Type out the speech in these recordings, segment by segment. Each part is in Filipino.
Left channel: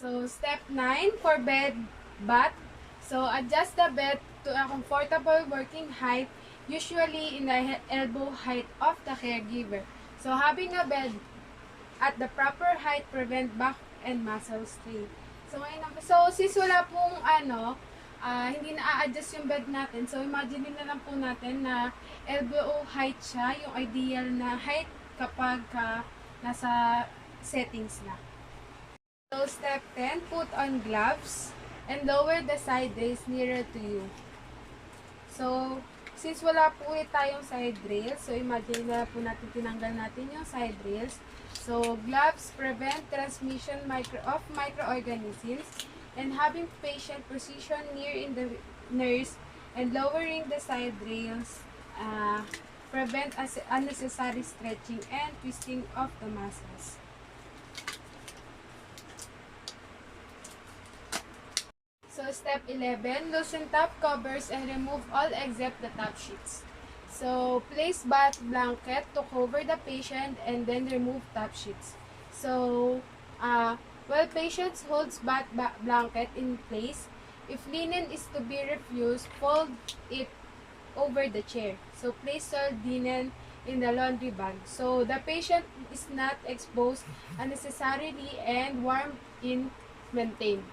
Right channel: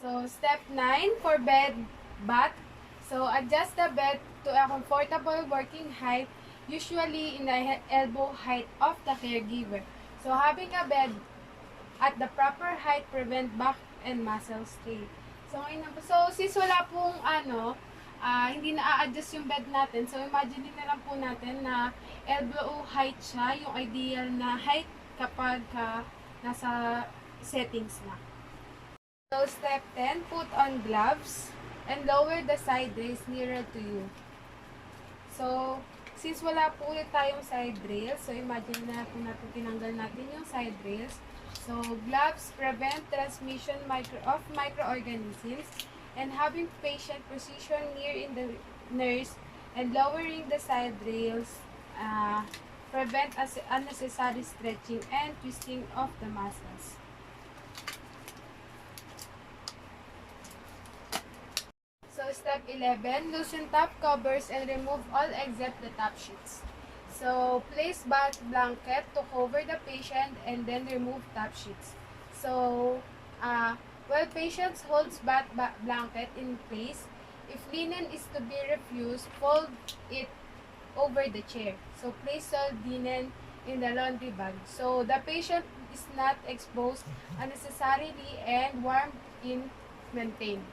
So, step 9 for bed bath. So, adjust the bed to a comfortable working height, usually in the elbow height of the caregiver. So, having a bed at the proper height prevent back and muscle strain. So, since wala pong hindi na-adjust yung bed natin, so imagine na lang po natin na elbow height siya, yung ideal na height kapag nasa settings na. So, step 10, put on gloves and lower the side rails nearer to you. So, since wala po tayong side rails, so imagine na po natin tinanggal natin yung side rails. So, gloves prevent transmission of microorganisms, and having patient position near in the nurse and lowering the side rails prevent unnecessary stretching and twisting of the muscles. So, step 11, loosen top covers and remove all except the top sheets. So, place bath blanket to cover the patient and then remove top sheets. So, while patient holds bath blanket in place, if linen is to be refused, fold it over the chair. So, place soiled linen in the laundry bag. So, the patient is not exposed unnecessarily and warmth in maintained.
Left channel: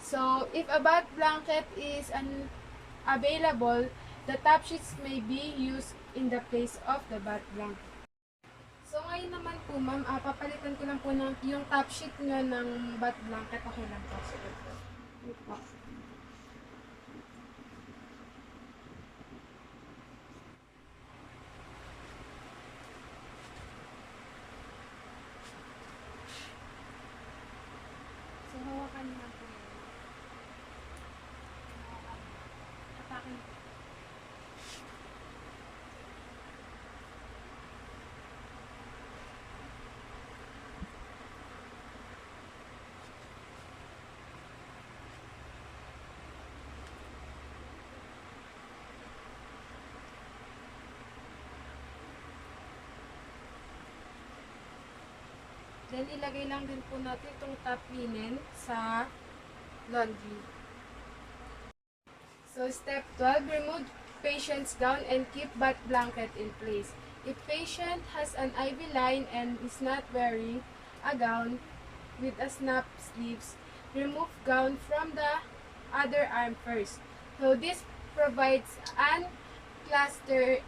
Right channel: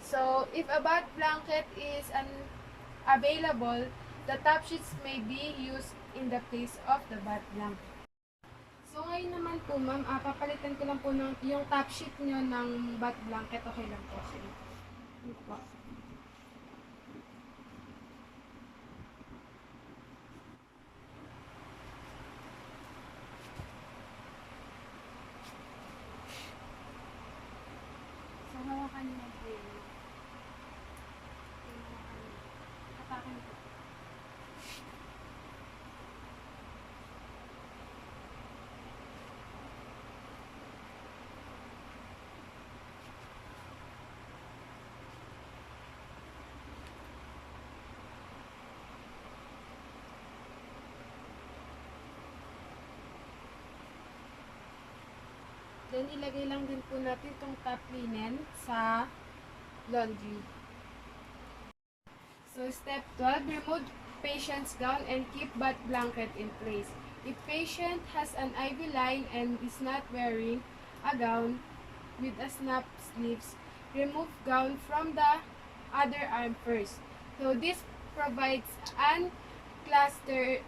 So, if a bath blanket is unavailable, the top sheets may be used in the place of the bath blanket. So, ngayon naman po, ma'am, papalitan ko lang po yung top sheet nyo ng bath blanket. Okay lang po. Sige po. Ito po. So, hawakan nyo lang po yun. Hatakin po. Then, ilagay lang din po natin itong top linen sa laundry. So, step 12, remove patient's gown and keep bath blanket in place. If patient has an IV line and is not wearing a gown with a snap sleeves, remove gown from the other arm first. So, this provides unclustered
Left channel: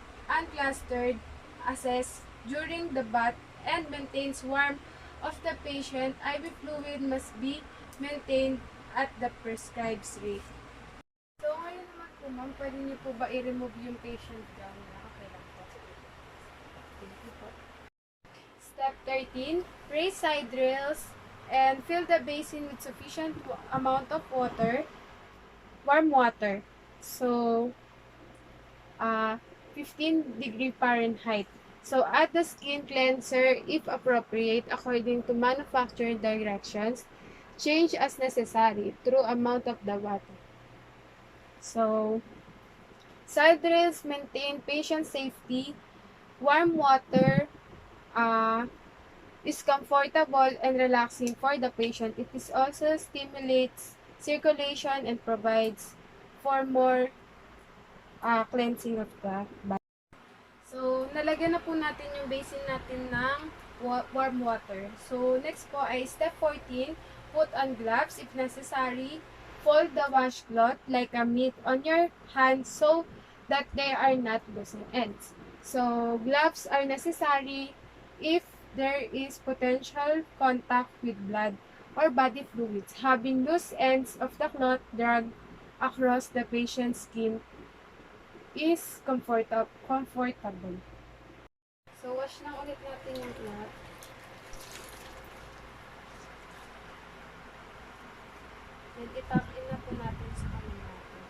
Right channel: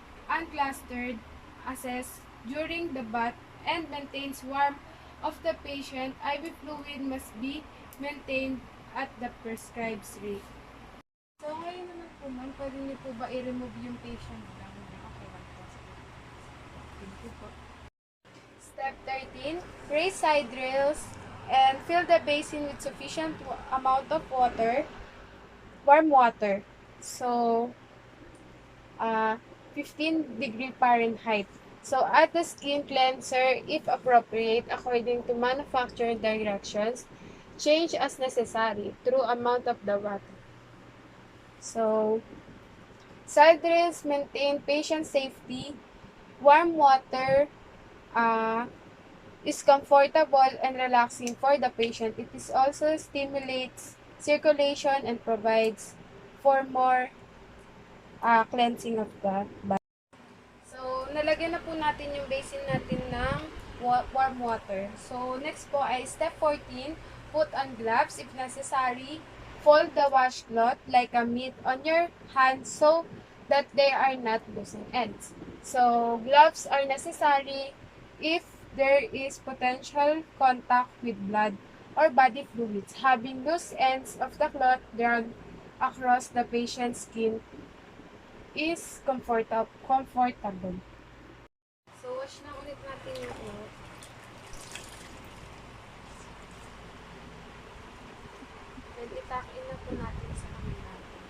access during the bath and maintains warmth of the patient. IV fluid must be maintained at the prescribed rate. So, ngayon naman po, ma'am, pwede niyo po ba i-remove yung patient gown niya? Okay lang po. Thank you po. Step 13, raise side rails and fill the basin with sufficient amount of water, warm water. So, 15 °F. So, add the skin cleanser if appropriate according to manufacturer directions. Change as necessary through amount of the water. So, side rails maintain patient safety. Warm water is comfortable and relaxing for the patient. It is also stimulates circulation and provides for more cleansing of the body. So, nalagyan na po natin yung basin natin ng warm water. So, next po ay step 14, put on gloves if necessary. Fold the washcloth like a mitt on your hands so that they are not losing ends. So, gloves are necessary if there is potential contact with blood or body fluids. Having loose ends of the cloth dragged across the patient's skin is comfortable. So, wash na ulit natin yung cloth. Then, ituck in na po natin sa kamay natin.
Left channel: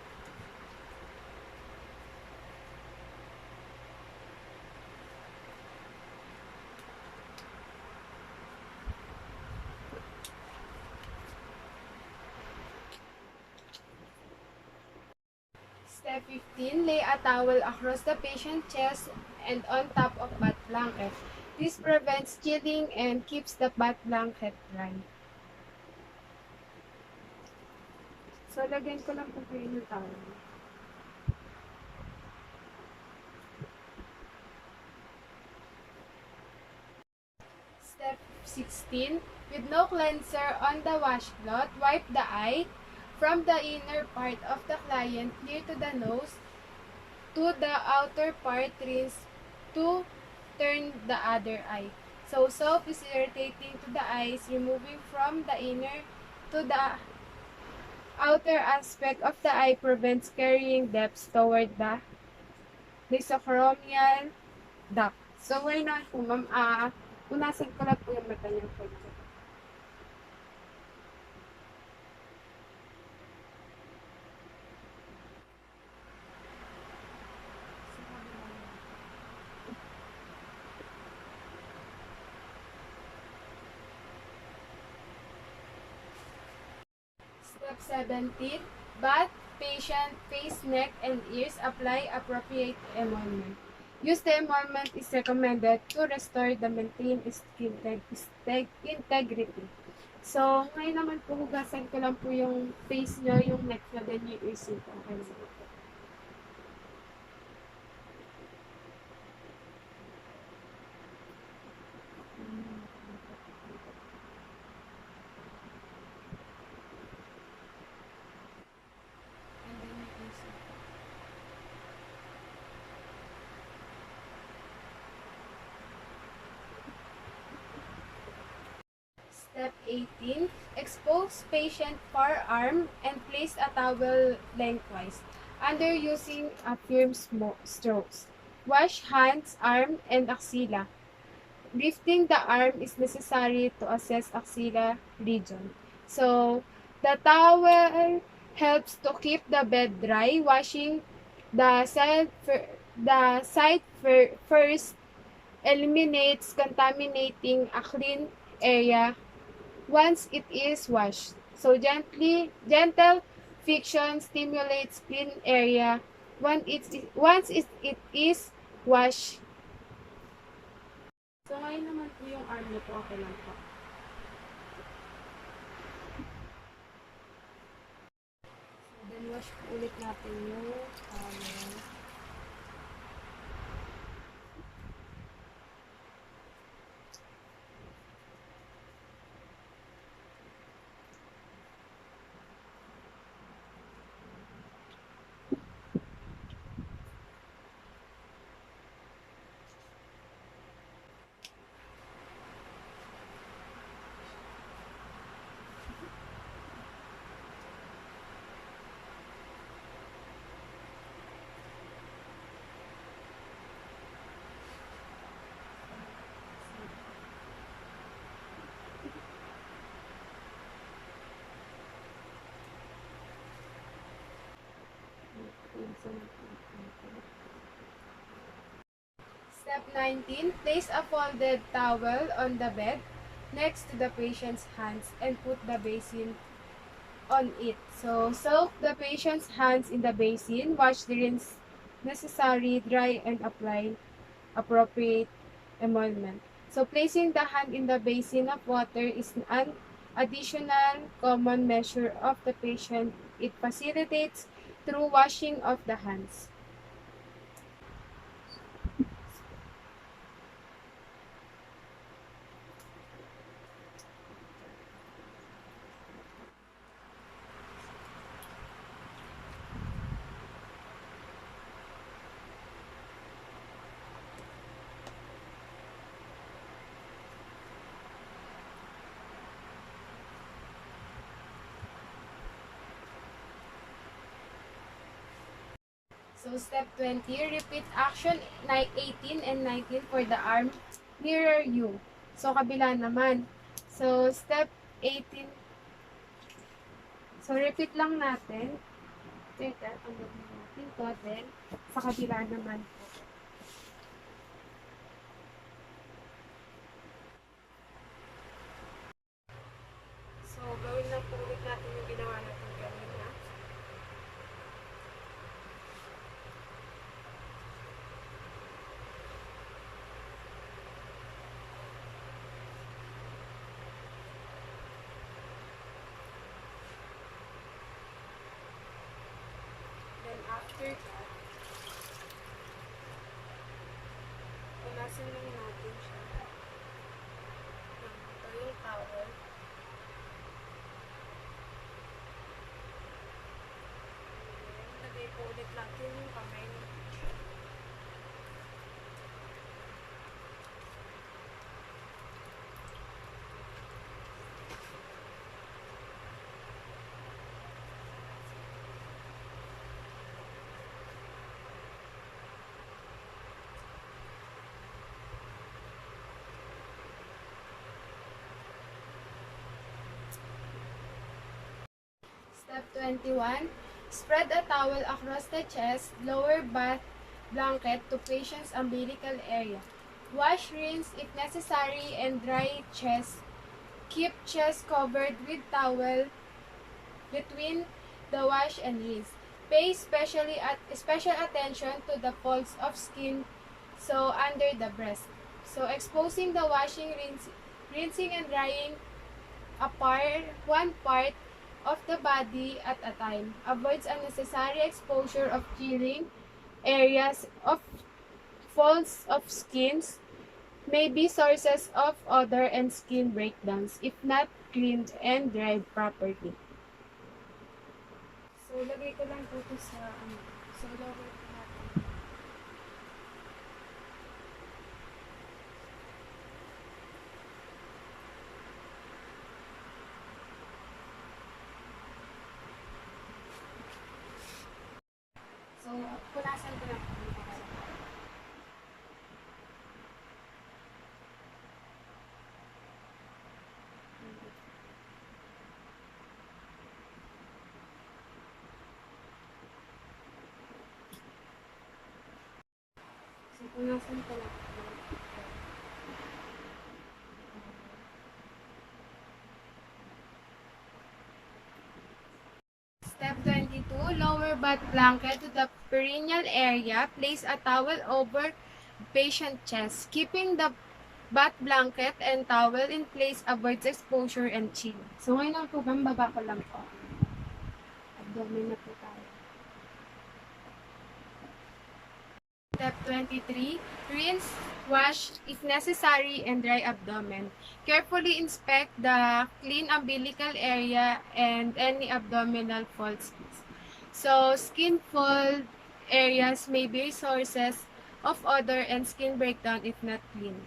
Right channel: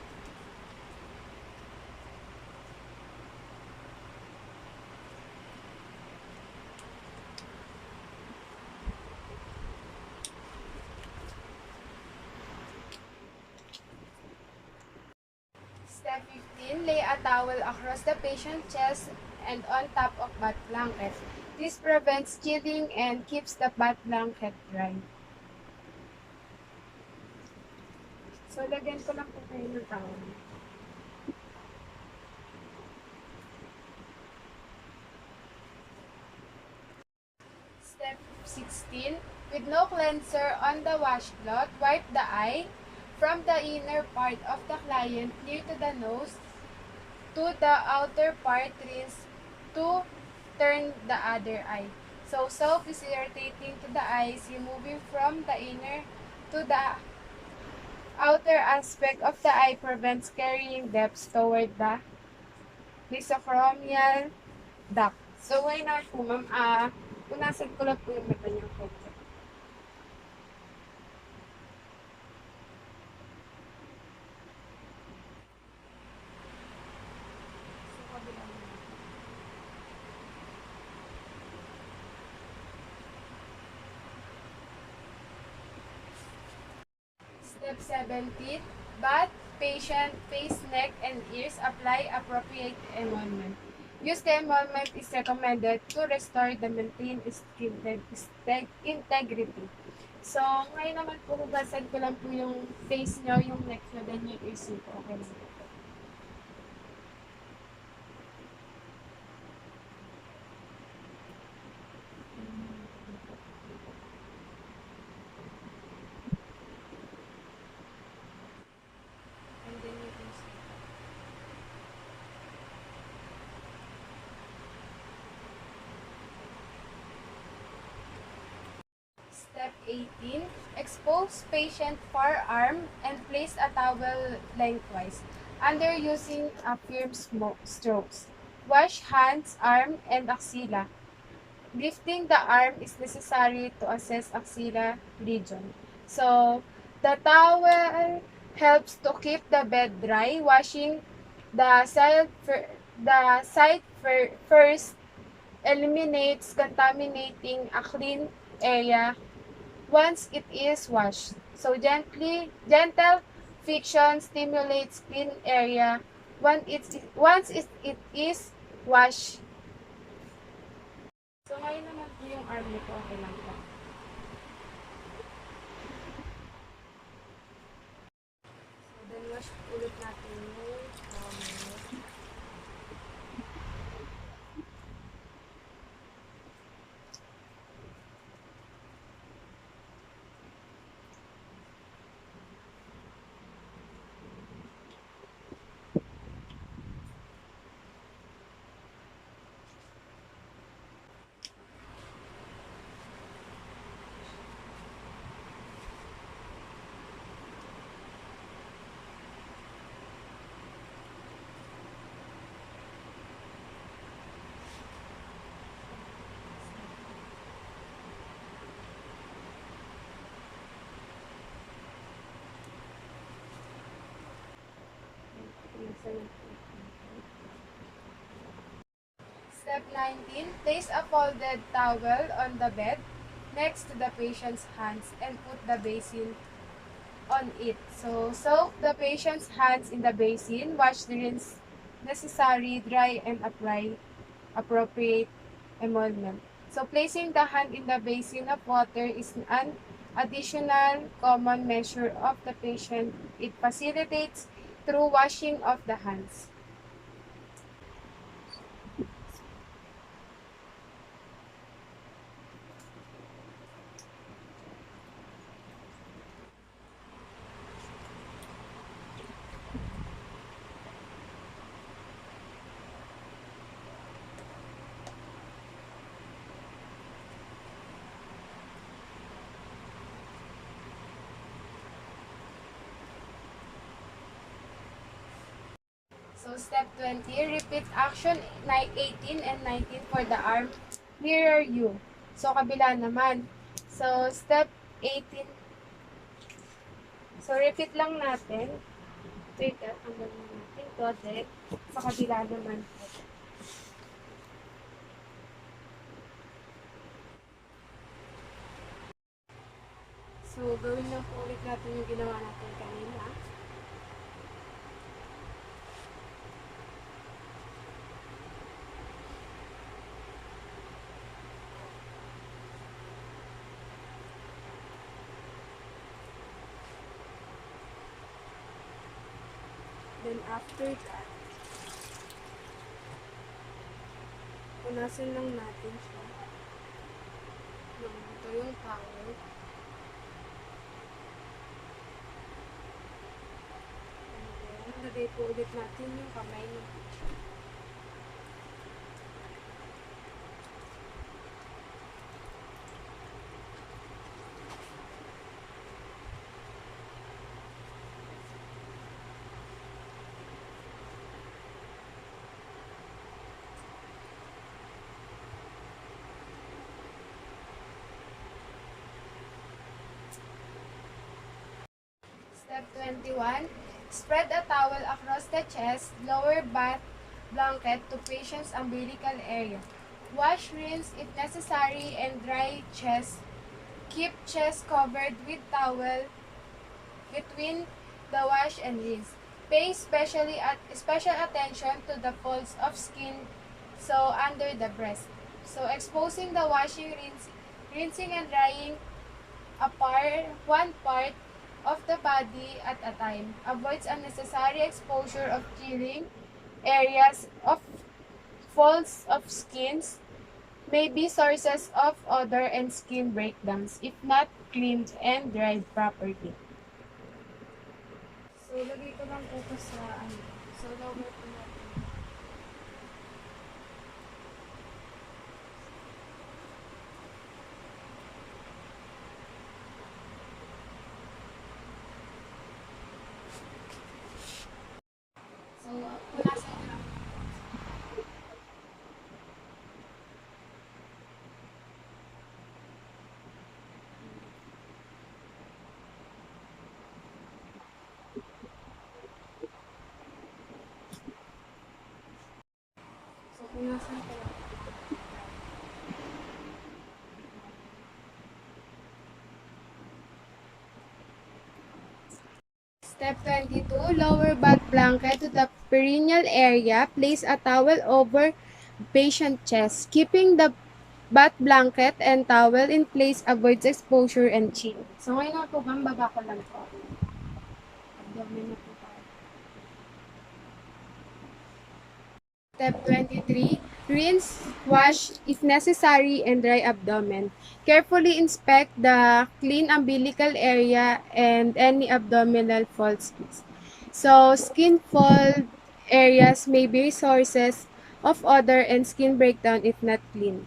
Step 15, lay a towel across the patient's chest and on top of bath blanket. This prevents chilling and keeps the bath blanket dry. So, lagyan ko lang po kayo ng towel. Step 16. With no cleanser on the washcloth, wipe the eye from the inner part of the client near to the nose to the outer part, rinse to turn the other eye. So, soap is irritating to the eyes, removing from the inner to the outer aspect of the eye prevents carrying depths toward the mesochromial duct. So, ngayon naman po, ma'am, punasan ko lang po yung mata niyo. Step 17. Bath patient face, neck, and ears. Apply appropriate emolment. Use the emolment is recommended to restore the maintained skin integrity. So, ngayon naman po, hugasan ko lang po yung face nyo, yung neck nyo, then yung ears nyo. Okay lang. And then yung ears nyo. Step 18. Expose patient forearm and place a towel lengthwise under using a firm strokes. Wash hands, arm, and axilla. Lifting the arm is necessary to assess axilla region. So, the towel helps to keep the bed dry. Washing the side first eliminates contaminating a clean area once it is washed. So gentle friction stimulates clean area once it is washed. So ngayon naman po yung arm nito, okay lang po. So then wash ulit natin yung towel. Step 19. Place a folded towel on the bed next to the patient's hands and put the basin on it. So, soak the patient's hands in the basin, wash the rinse necessary, dry, and apply appropriate emolment. So, placing the hand in the basin of water is an additional common measure of the patient. It facilitates through washing of the hands. So, step 20, repeat action 18 and 19 for the arm nearer you. So, kabila naman. So, step 18. So, repeat lang natin. Wait, tanggalin natin to. Then, sa kabila naman po. So, gawin lang po ulit natin yung ginawa natin kanina. then after that, punasan lang natin siya ng tuyong towel. And then, lagay po ulit natin yung kamay natin. Step 21. Spread a towel across the chest, lower back blanket to patient's umbilical area. Wash, rinse if necessary, and dry chest. Keep chest covered with towel between the wash and rinse. Pay special attention to the folds of skin so under the breast. So exposing the washing, rinsing and drying one part of the body at a time. Avoids unnecessary exposure of chilling areas of folds of skins may be sources of odor and skin breakdowns if not cleaned and dried properly. So, lagay ko lang po ito sa so lower po natin. So, punasan ko lang. So, punasan ko lang. Step 22, lower butt blanket to the perineal area. Place a towel over patient chest. Keeping the butt blanket and towel in place avoids exposure and chill. So, ngayon na po, baba ko lang po. Abdomen na po tayo. Step 23, rinse, wash if necessary, and dry abdomen. Carefully inspect the clean umbilical area and any abdominal folds. So, skin fold areas may be sources of odor and skin breakdown if not clean.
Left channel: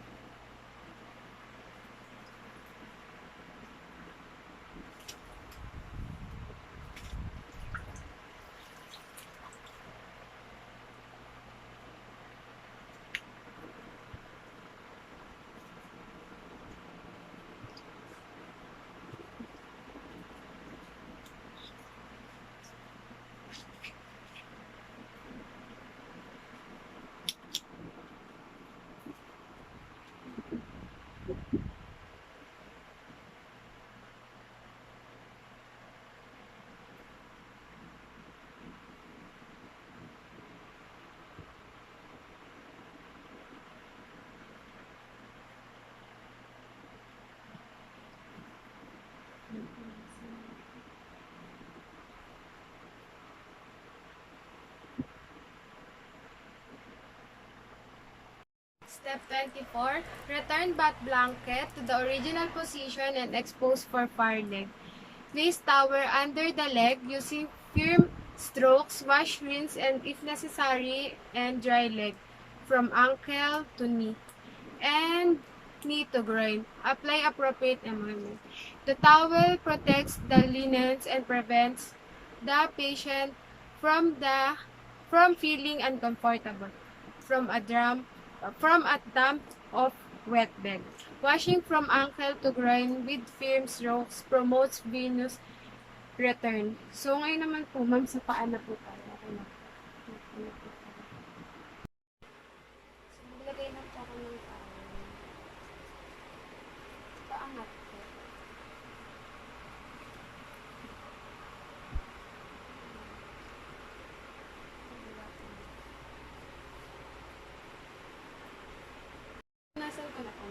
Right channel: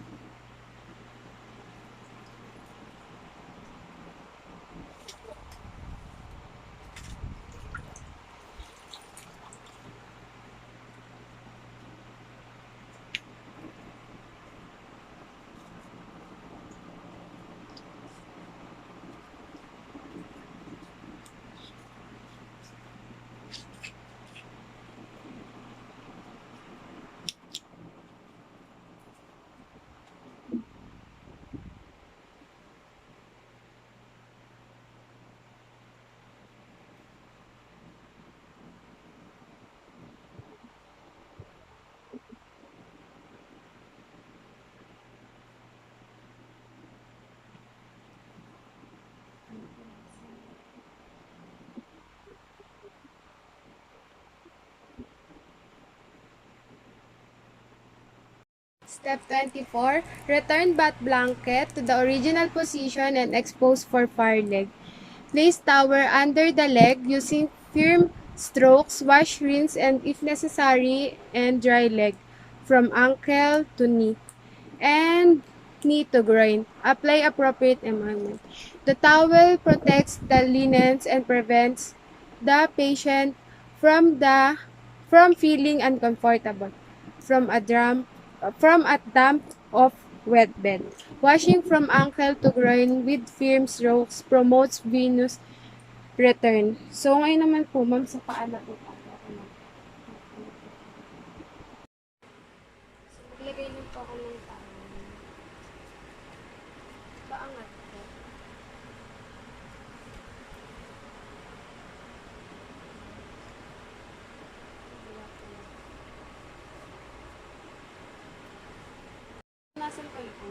Step 24, return butt blanket to the original position and expose for far leg. Place towel under the leg using firm strokes, wash, rinse, and if necessary, and dry leg from ankle to knee and knee to groin. Apply appropriate amendment. The towel protects the linens and prevents the patient from feeling uncomfortable from a damp of wet bed. Washing from ankle to groin with firm strokes promotes venous return. So, ngayon naman po, ma'am, sa paa na po tayo. Okay na. So, maglagay lang po ako ng towel. Paangat po. Nasaan ko na po?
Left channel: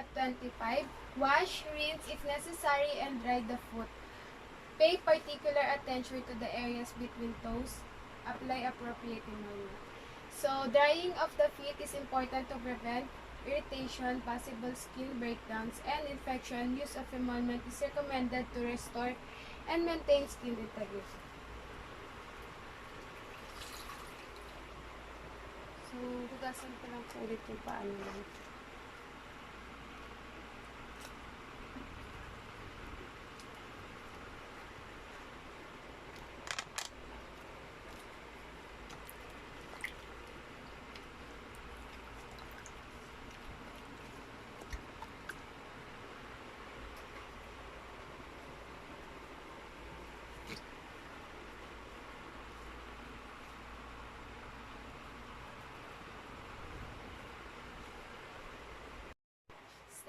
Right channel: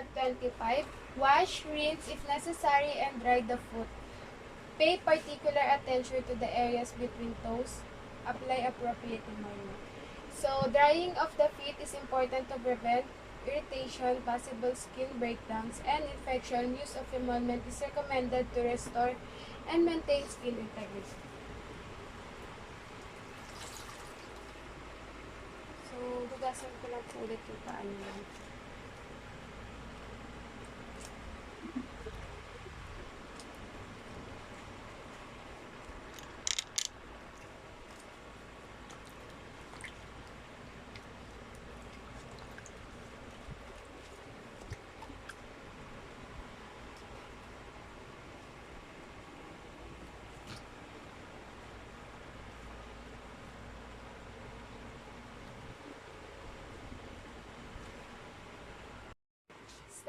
Step 25. Wash, rinse if necessary, and dry the foot. Pay particular attention to the areas between toes. Apply appropriate environment. So, drying of the feet is important to prevent irritation, possible skin breakdowns, and infection. Use of emolment is recommended to restore and maintain skin integrity. So, hugasan ko lang po ulit yung paa nila.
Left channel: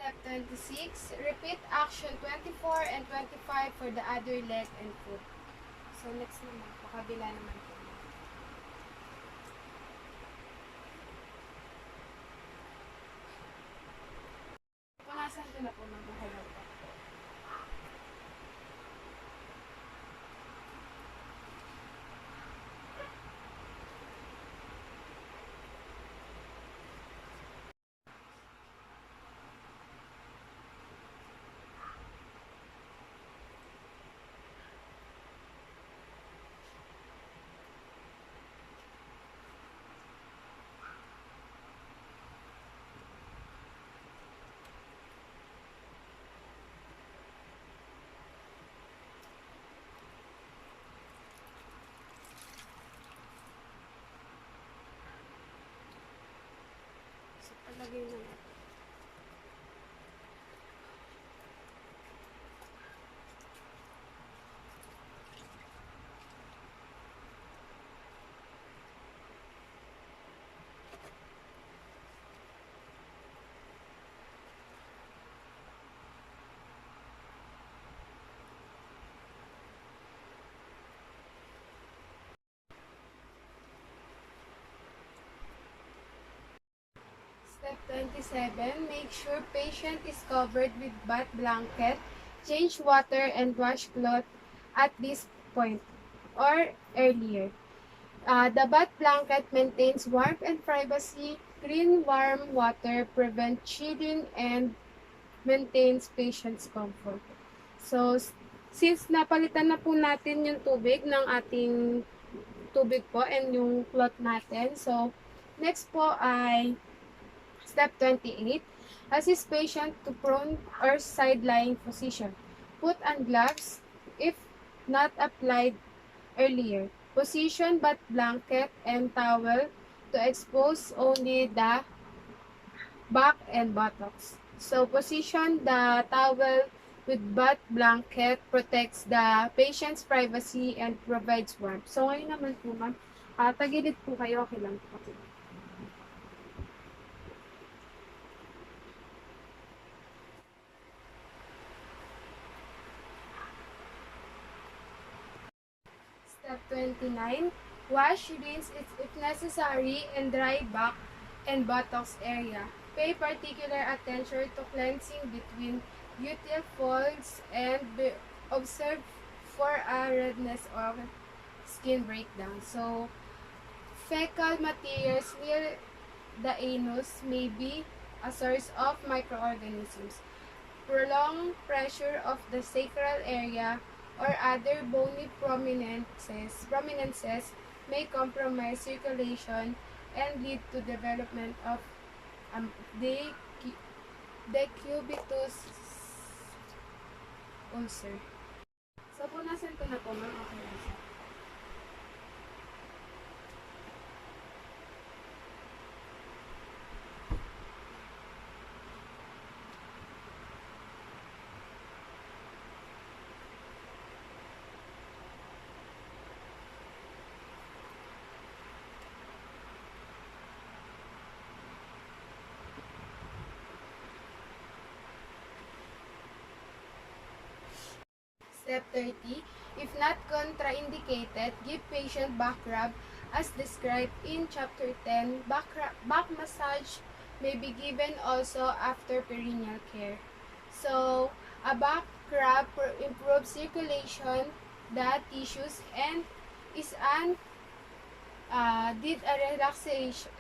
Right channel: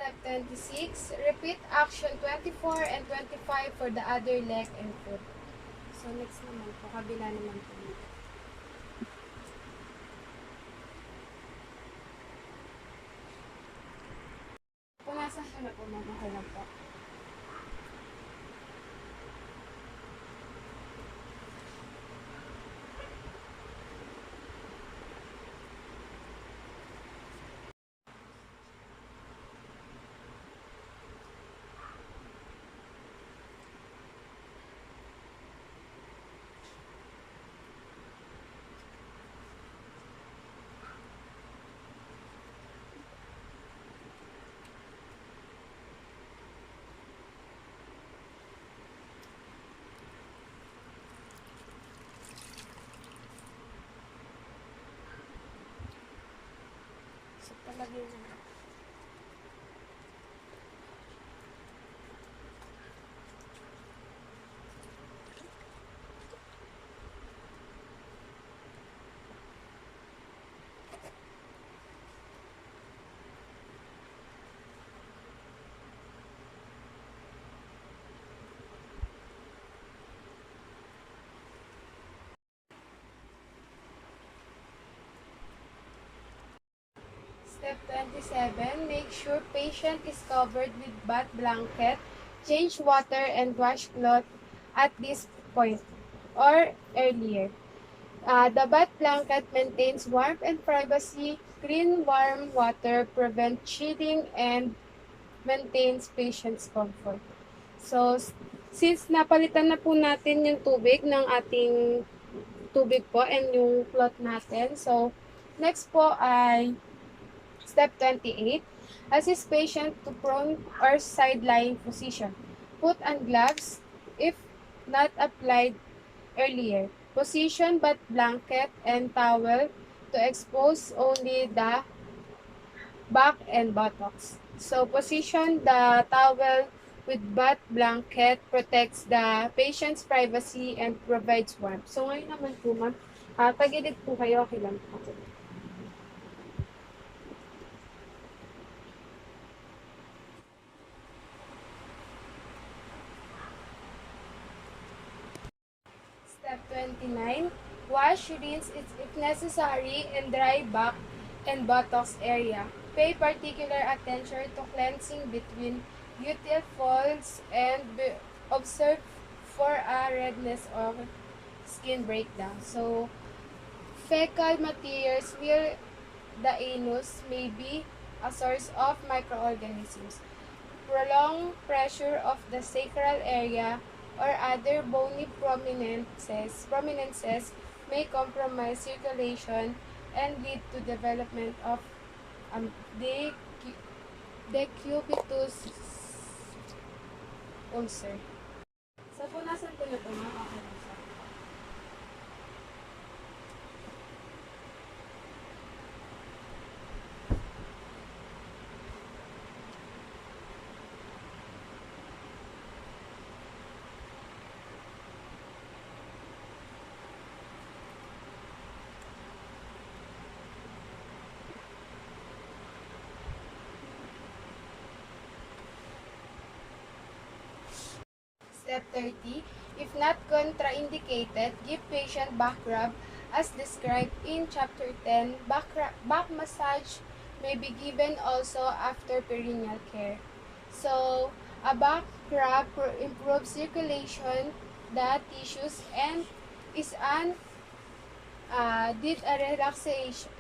Step 26, repeat action 24 and 25 for the other leg and foot. So, next naman po, kabila naman po. Punasan ko na po magkakalag po. So, palagay na natin. Step 27, make sure patient is covered with bath blanket, change water and wash cloth at this point or earlier. The bath blanket maintains warmth and privacy, clean warm water, prevent chilling, and maintains patient's comfort. So, since napalitan na po natin yung tubig ng ating tubig po and yung cloth natin, so, next po ay Step 28, assist patient to prone or side-lying position. Put on gloves if not applied earlier. Position bath blanket and towel to expose only the back and buttocks. So, position the towel with bath blanket protects the patient's privacy and provides warmth. So, ngayon naman po, ma'am, tagilid po kayo, okay lang po. Step 29, wash, rinse if necessary, and dry back and buttocks area. Pay particular attention to cleansing between gluteal folds and observe for a redness or skin breakdown. So, fecal materials near the anus may be a source of microorganisms. Prolonged pressure of the sacral area or other bony prominences may compromise circulation and lead to development of decubitus ulcer. So, punasan ko na po, ma'am. Okay lang siya. Step 30, if not contraindicated, give patient back rub as described in Chapter 10, back massage may be given also after perineal care. So, a back rub improves circulation, the tissues, and is an did a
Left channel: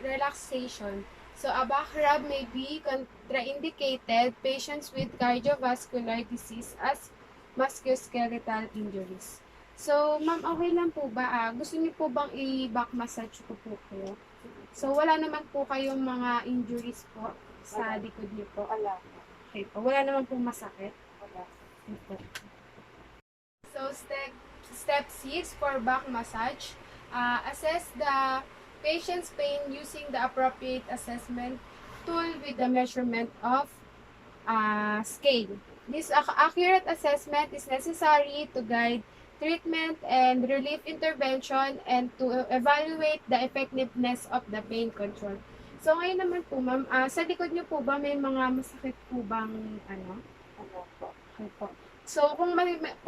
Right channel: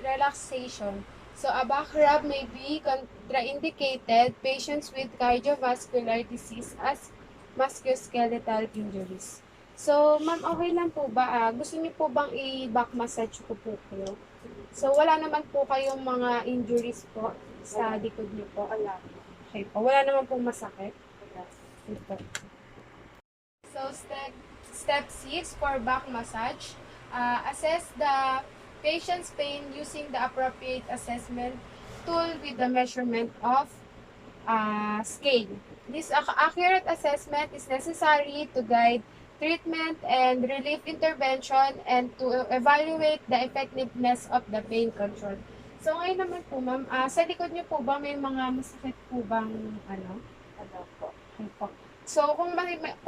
relaxation. So, a back rub may be contraindicated patients with cardiovascular disease as musculoskeletal injuries. So, ma'am, okay lang po ba? Gusto niyo po bang i-back massage ko po kayo? So, wala naman po kayong mga injuries po sa likod niyo po? Wala. Okay po. Wala naman pong masakit? Wala. Ito. So, step 6 for back massage. Assess the patient's pain using the appropriate assessment tool with the measurement of scale. This accurate assessment is necessary to guide treatment and relief intervention and to evaluate the effectiveness of the pain control. So, ngayon naman po, ma'am, sa likod niyo po ba may mga masakit po bang ano? Ano po? Okay po. So, kung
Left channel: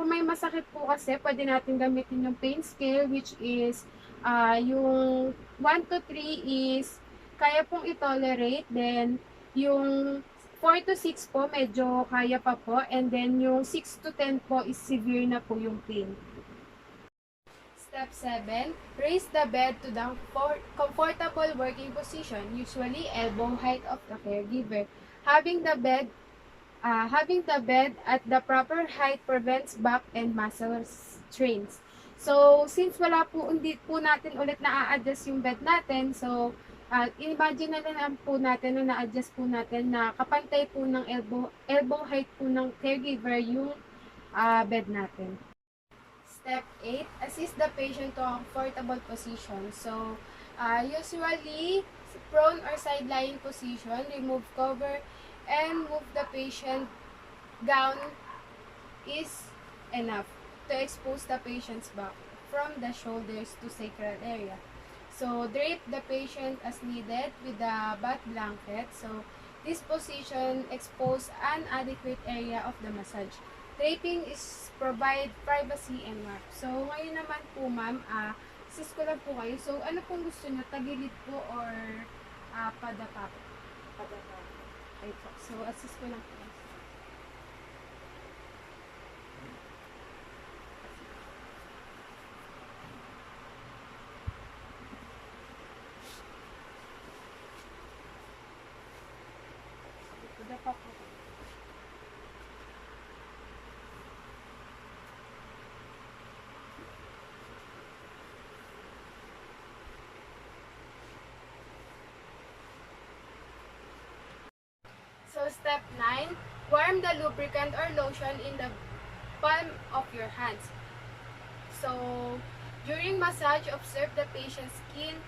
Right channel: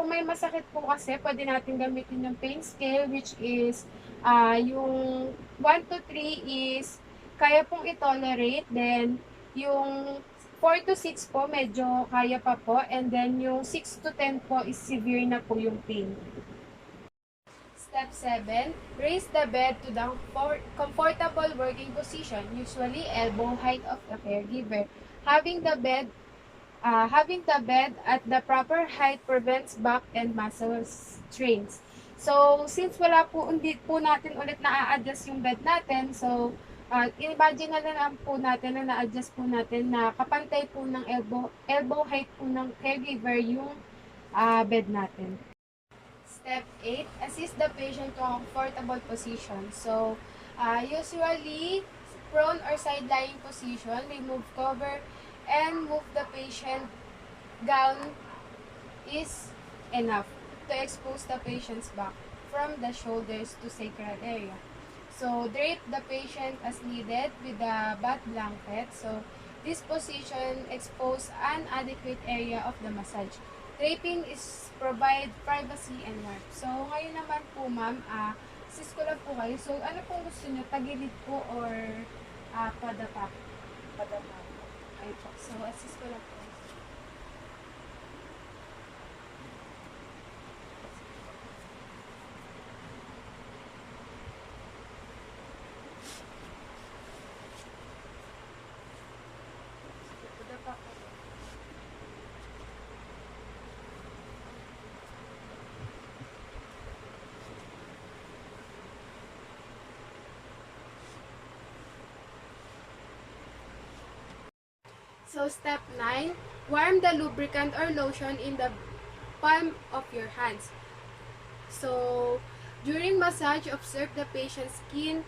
may masakit po kasi, pwede natin gamitin yung pain scale, which is, yung 1 to 3 is, kaya pong i-tolerate. Then, yung 4 to 6 po, medyo kaya pa po. And then, yung 6 to 10 po is severe na po yung pain. Step 7, raise the bed to the comfortable working position, usually elbow height of the caregiver. Having the bed at the proper height prevents back and muscle strains. So, since wala po, hindi po natin ulit na-adjust yung bed natin, so, imagine na lang po natin na na-adjust po natin na kapantay po ng elbow height po ng caregiver yung bed natin. Step 8, assist the patient to a comfortable position. So, usually, prone or side-lying position, remove cover, and move the patient gown is enough to expose the patient's back from the shoulders to sacral area. So, drape the patient as needed with the bath blanket. So, this position expose an adequate area of the massage. Draping is provide privacy and warmth. So, ngayon naman po, ma'am, assist ko lang po kayo. So, ano pong gusto nyo? Tagilid po or padapa? Padama. Ay po. So, assist ko lang po. Padapa po. So, step 9, warm the lubricant or lotion in the palm of your hands. So, during massage, observe the patient's skin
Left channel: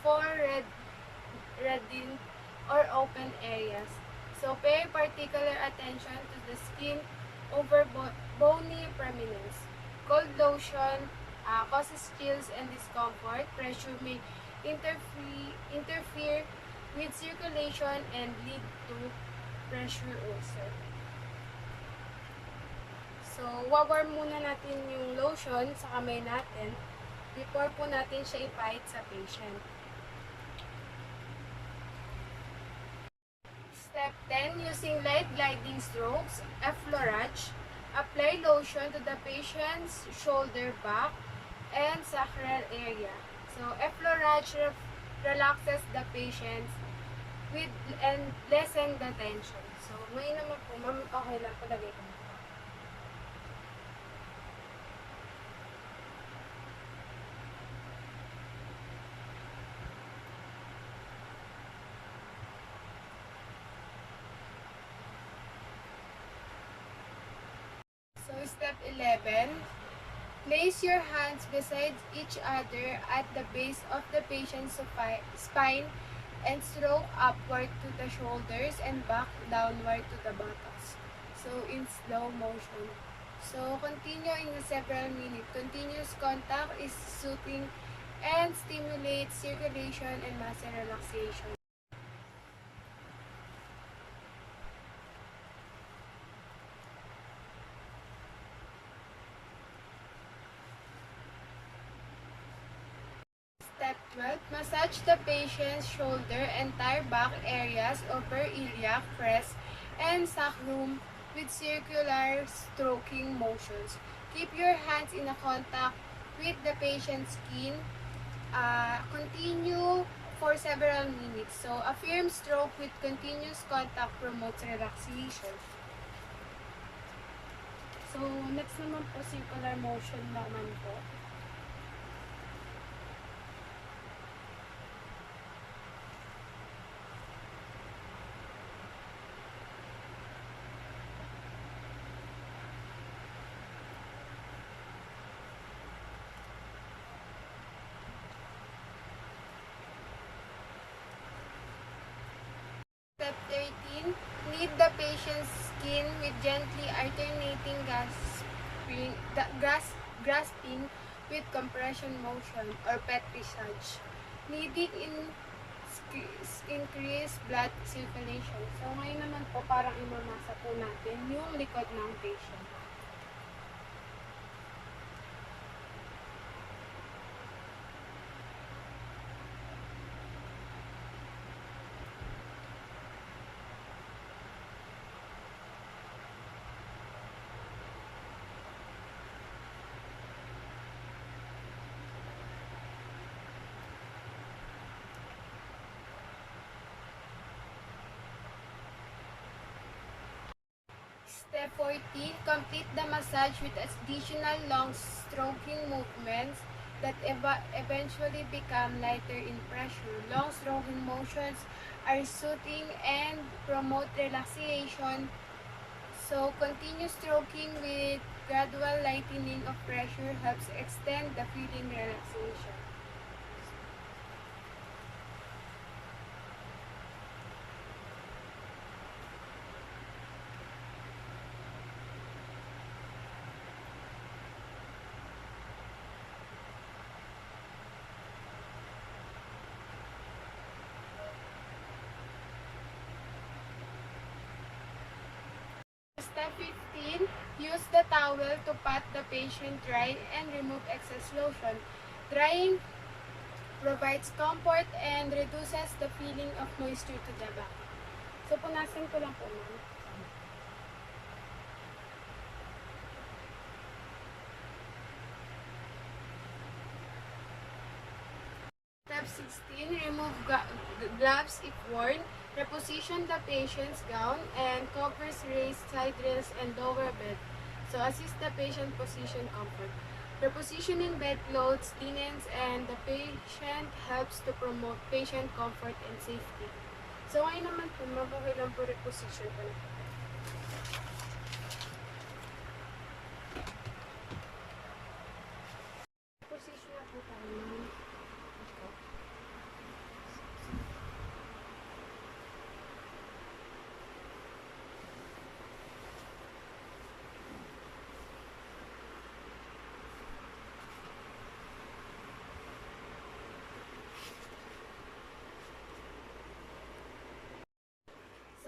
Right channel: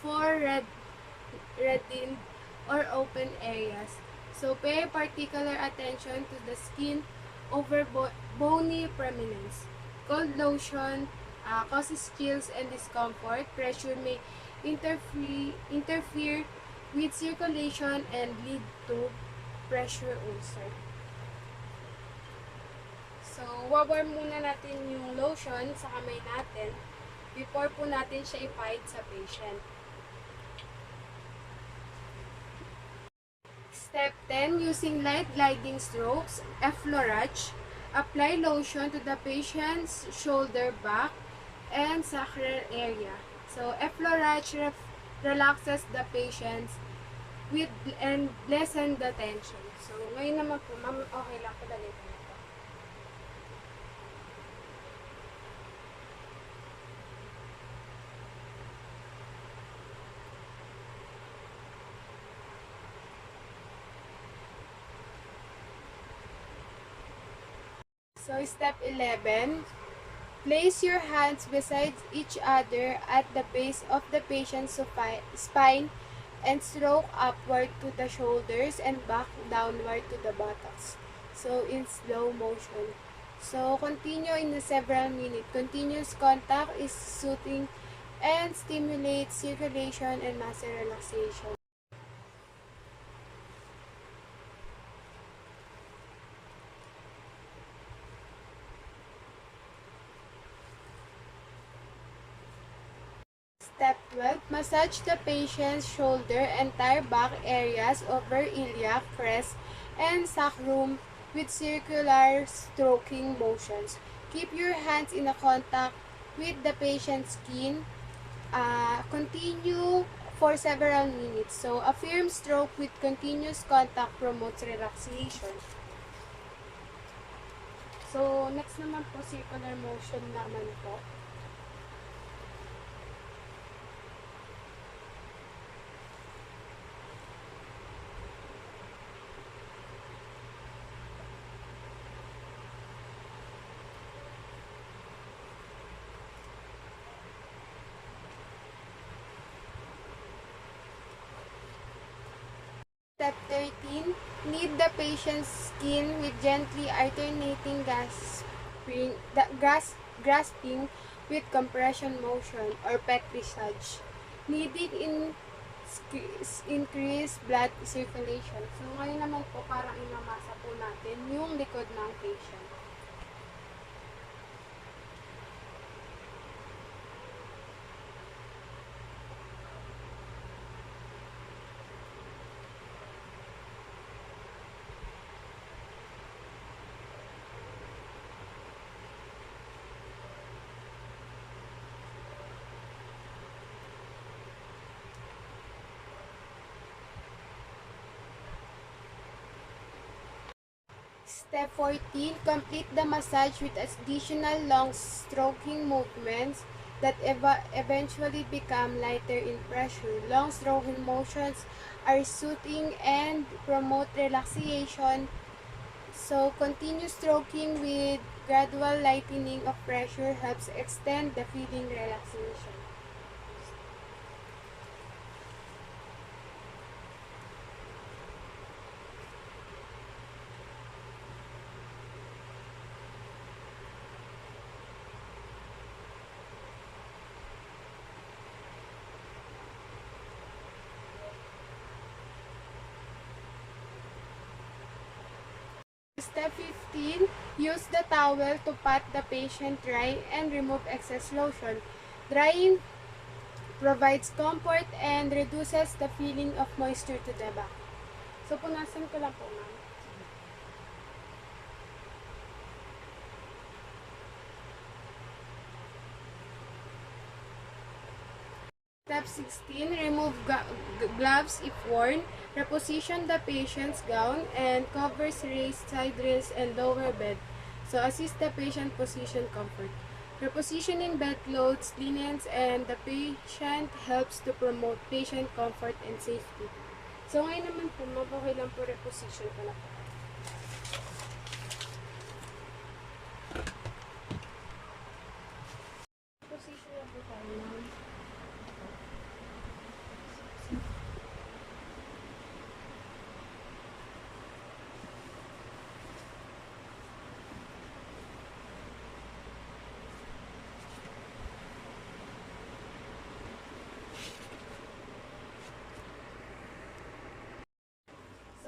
for reddened or open areas. So, pay particular attention to the skin over bony prominence. Cold lotion causes chills and discomfort. Pressure may interfere with circulation and lead to pressure ulcer. So, wawarm muna natin yung lotion sa kamay natin before po natin siya ipahid sa patient. Step 10, using light gliding strokes, effleurage, apply lotion to the patient's shoulder, back, and sacral area. So, effleurage relaxes the patients with and lessen the tension. So, ngayon naman po, ma'am, okay lang po, lagay ko na po. So, step 11, place your hands beside each other at the base of the patient's spine and stroke upward to the shoulders and back downward to the buttocks. So, in slow motion. So, continue in the several minutes. Continuous contact is soothing and stimulates circulation and muscle relaxation. Step 12. Massage the patient's shoulder, entire back areas over iliac, crest, and sacrum with circular stroking motions. Keep your hands in a contact with the patient's skin. Continue for several minutes. So, a firm stroke with continuous contact promotes relaxation. So, next naman po, circular motion naman po. Step 13. Knead the patient's skin with gently alternating grasping with compression motion or petrissage. Kneading increase blood circulation. So, ngayon naman po parang imamasa po natin yung likod ng patient. Step 14. Complete the massage with additional long stroking movements that eventually become lighter in pressure. Long stroking motions are soothing and promote relaxation. So, continue stroking with gradual lightening of pressure helps extend the feeling relaxation. Step 15. Use the towel to pat the patient dry and remove excess lotion. Drying provides comfort and reduces the feeling of moisture to the back. So, punasan ko lang po, ma'am. Step 16. Remove gloves if worn. Reposition the patient's gown and covers raised side rails and lower bed. So, assist the patient position comfort. Repositioning bedclothes, linens, and the patient helps to promote patient comfort and safety. So, ngayon naman po, mabuhay lang po reposition ko na po. Reposition na po tayo, ma'am.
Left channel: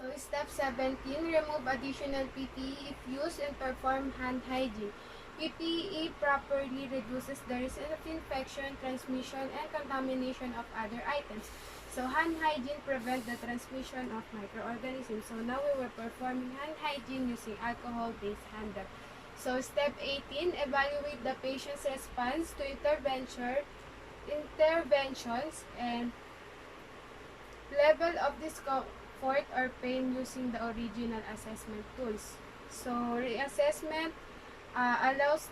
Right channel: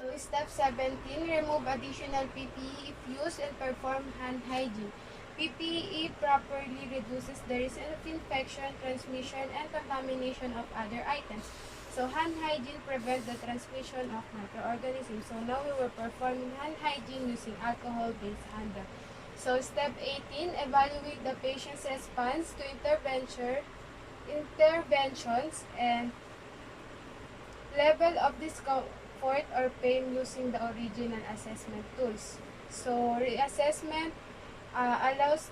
So, step 17, remove additional PPE if used and perform hand hygiene. PPE properly reduces the risk of infection, transmission, and contamination of other items. So, hand hygiene prevents the transmission of microorganisms. So, now we were performing hand hygiene using alcohol-based hand rub. So, step 18, evaluate the patient's response to interventions and level of discomfort or pain using the original assessment tools. So, reassessment allows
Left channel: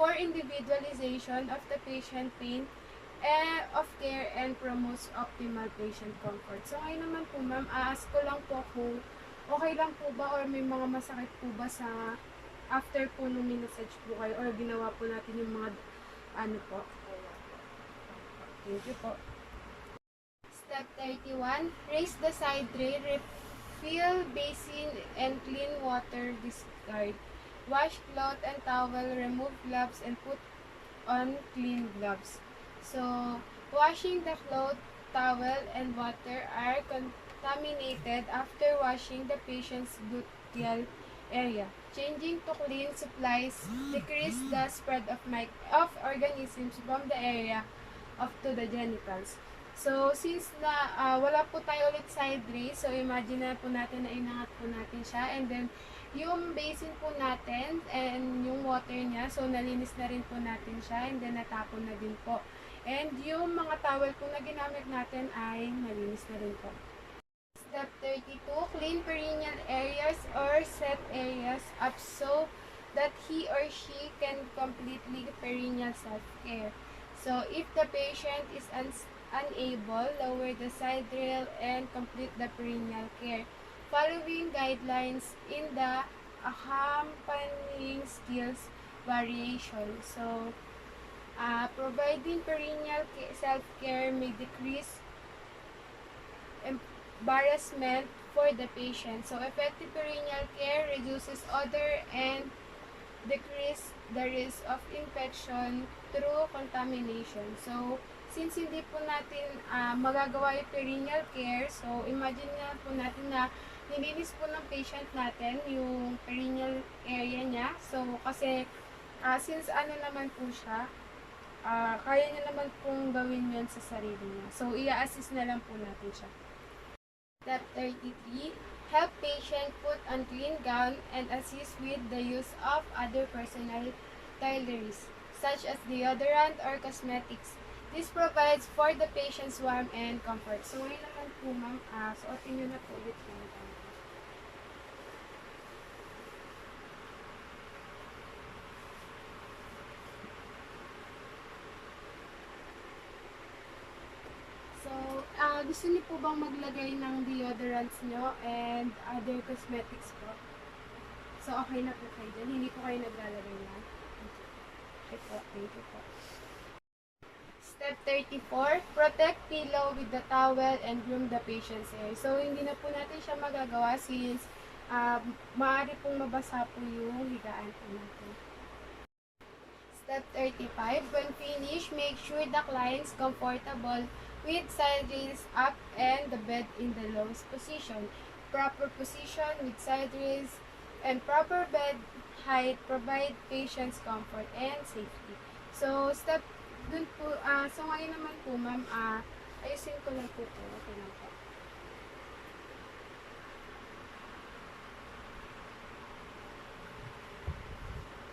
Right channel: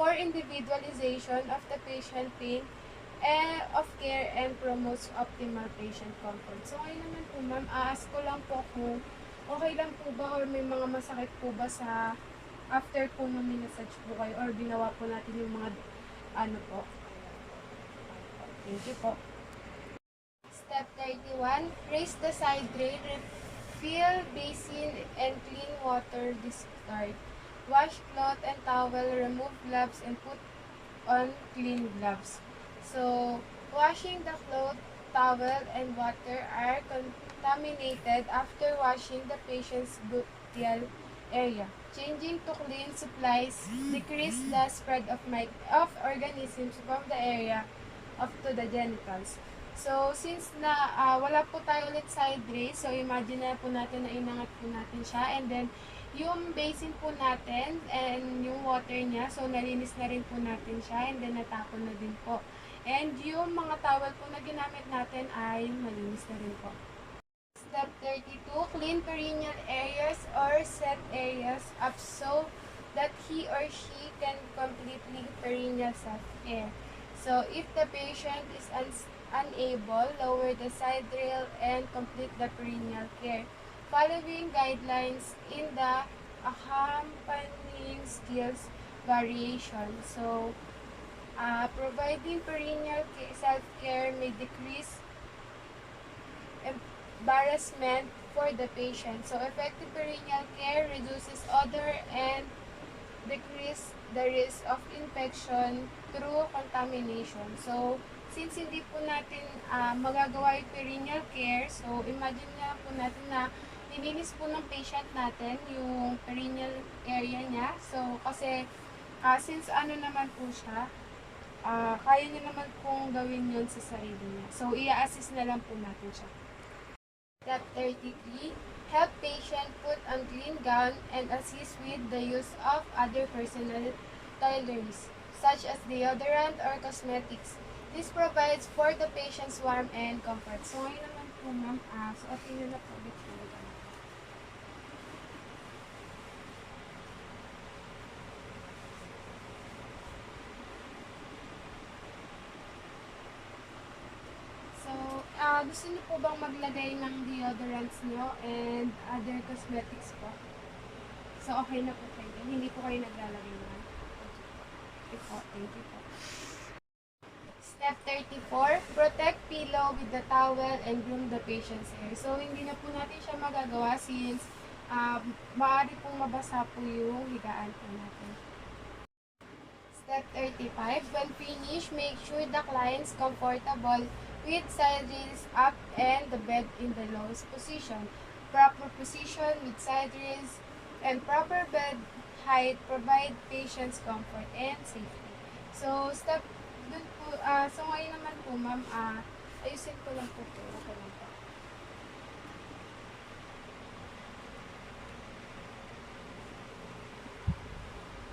for individualization of the patient pain of care and promotes optimal patient comfort. So, ngayon naman po, ma'am, ask ko lang po kung okay lang po ba or may mga masakit po ba sa after po nung minasage po kayo or ginawa po natin yung mga ano po. Thank you po. Step 31, raise the side rail, refill basin and clean water discard. Wash cloth and towel, remove gloves and put on clean gloves. So, washing the cloth, towel, and water are contaminated after washing the patient's gluteal area. Changing to clean supplies decrease the spread of organisms from the area up to the genitals. So, since na wala po tayo ulit side raise, so imagine na po natin na inangat po natin siya, and then yung basin po natin and yung water niya, so nalinis na rin po natin siya, and then natapon na din po. And yung mga towel po na ginamit natin ay nalinis na rin po. Step 32, clean perineal areas or set areas up so that he or she can completely perineal self-care. So, if the patient is unable, lower the side rail and complete the perineal care, following guidelines in the accompanying skills variation. So, providing perineal self-care may decrease embarrassment for the patient. So, effective perineal care reduces odor and decrease the risk of infection through contamination. So, since hindi po natin magagawa yung perineal care, so imagine na po natin na nilinis po ng patient natin yung perineal area niya. So, kasi since ano naman po siya, kaya niya naman pong gawin yun sa sarili niya. So, i-assist na lang po natin siya. Step 33, help patient put on clean gown and assist with the use of other personal toiletries, such as deodorant or cosmetics. This provides for the patient's warmth and comfort. So, ngayon naman po, ma'am, suotin nyo na po ulit po. So, gusto niyo po bang maglagay ng deodorants nyo and other cosmetics po? So, okay na po kayo dyan. Hindi po kayo naglalagay naman. Okay po. Thank you po. Step 34, protect pillow with the towel and groom the patient's hair. So, hindi na po natin siya magagawa since maaari pong mabasa po yung higaan po natin. Step 35, when finished, make sure the client's comfortable with side rails up and the bed in the lowest position. Proper position with side rails and proper bed height provide patient's comfort and safety. So, step dun po, so ngayon naman po, ma'am, ayusin ko lang po ito. Okay lang po.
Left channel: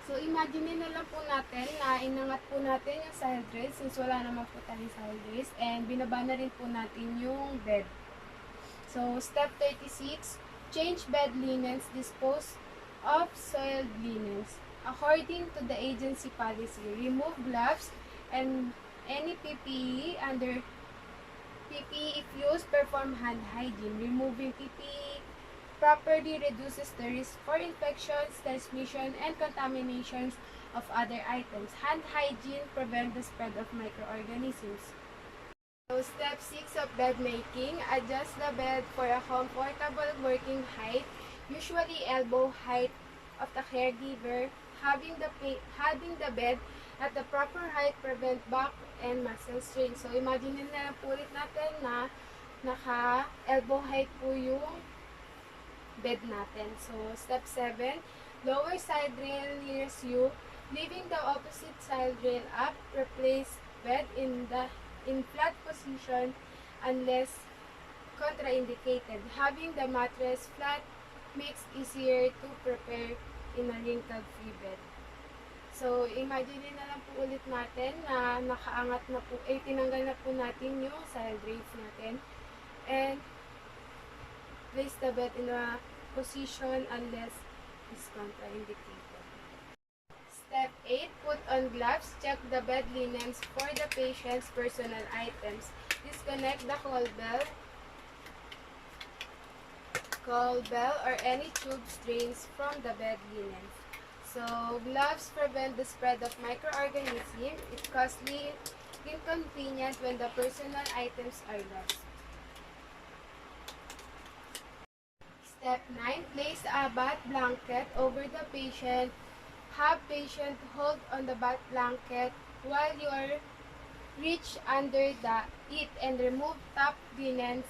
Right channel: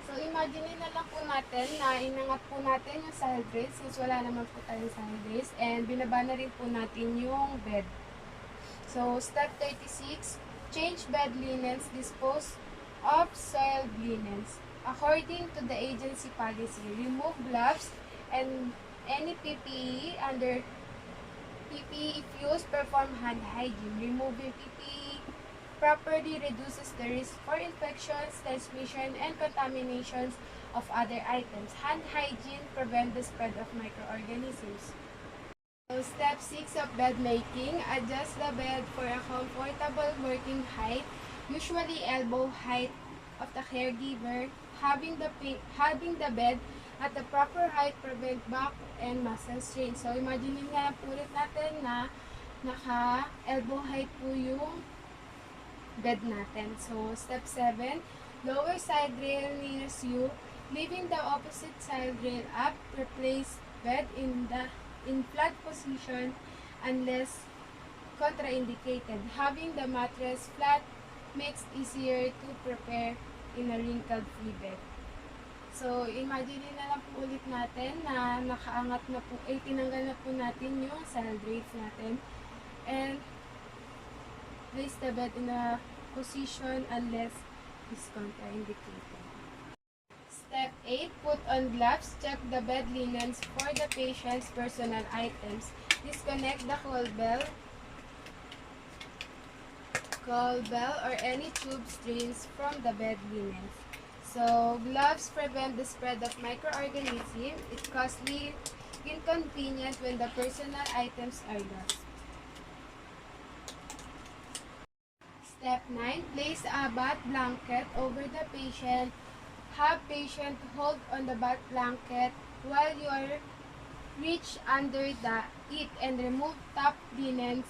So, imagine na lang po natin na inangat po natin yung side rails since wala naman po tayong side rails, and binaba na rin po natin yung bed. So, step 36, change bed linens, dispose of soiled linens. According to the agency policy, remove gloves and any PPE under PPE if used, perform hand hygiene. Removing PPE properly reduces the risk for infections, transmission, and contaminations of other items. Hand hygiene prevents the spread of microorganisms. So, step 6 of bed making, adjust the bed for a comfortable working height, usually elbow height of the caregiver. Having the bed at the proper height prevent back and muscle strain. So, imagine na lang po ulit natin na naka-elbow height po yung bed natin. So, step 7, lower side rail nearest you, leaving the opposite side rail up, replace bed in flat position unless contraindicated. Having the mattress flat makes easier to prepare in a wrinkle-free bed. So, imagine na lang po ulit natin na nakaangat na po, tinanggal na po natin yung side rails natin. And, place the bed in a position unless is contraindicated. Step 8, put on gloves. Check the bed linens for the patient's personal items. Disconnect the call bell or any tube strains from the bed linens. So, gloves prevent the spread of microorganisms. It's costly, inconvenient when the personal items are lost. Step 9, place a bath blanket over the patient. Have patient hold on the bath blanket while you are reach under it and remove top linens.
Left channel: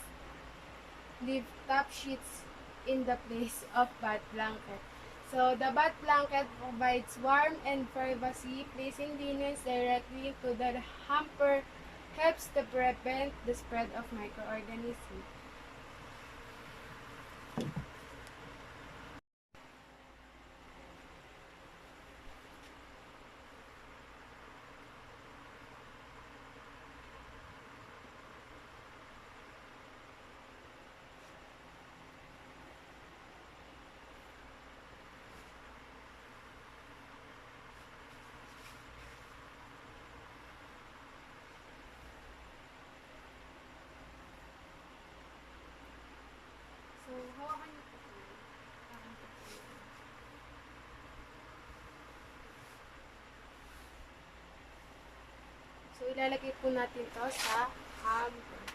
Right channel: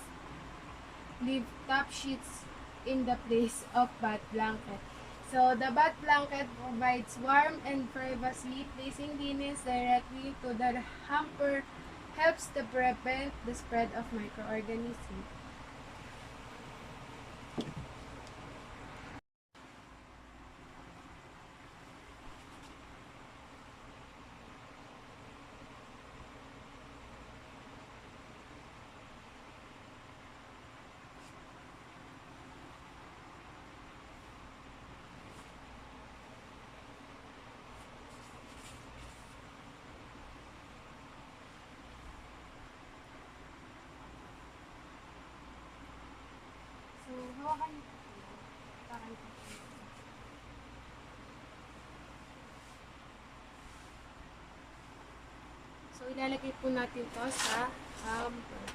Leave top sheets in the place of bath blanket. So, the bath blanket provides warmth and privacy. Placing linens directly to the hamper helps to prevent the spread of microorganisms. So, hawakan niyo po siya. Hawakan po siya. So, ilalagay po natin to sa hamper.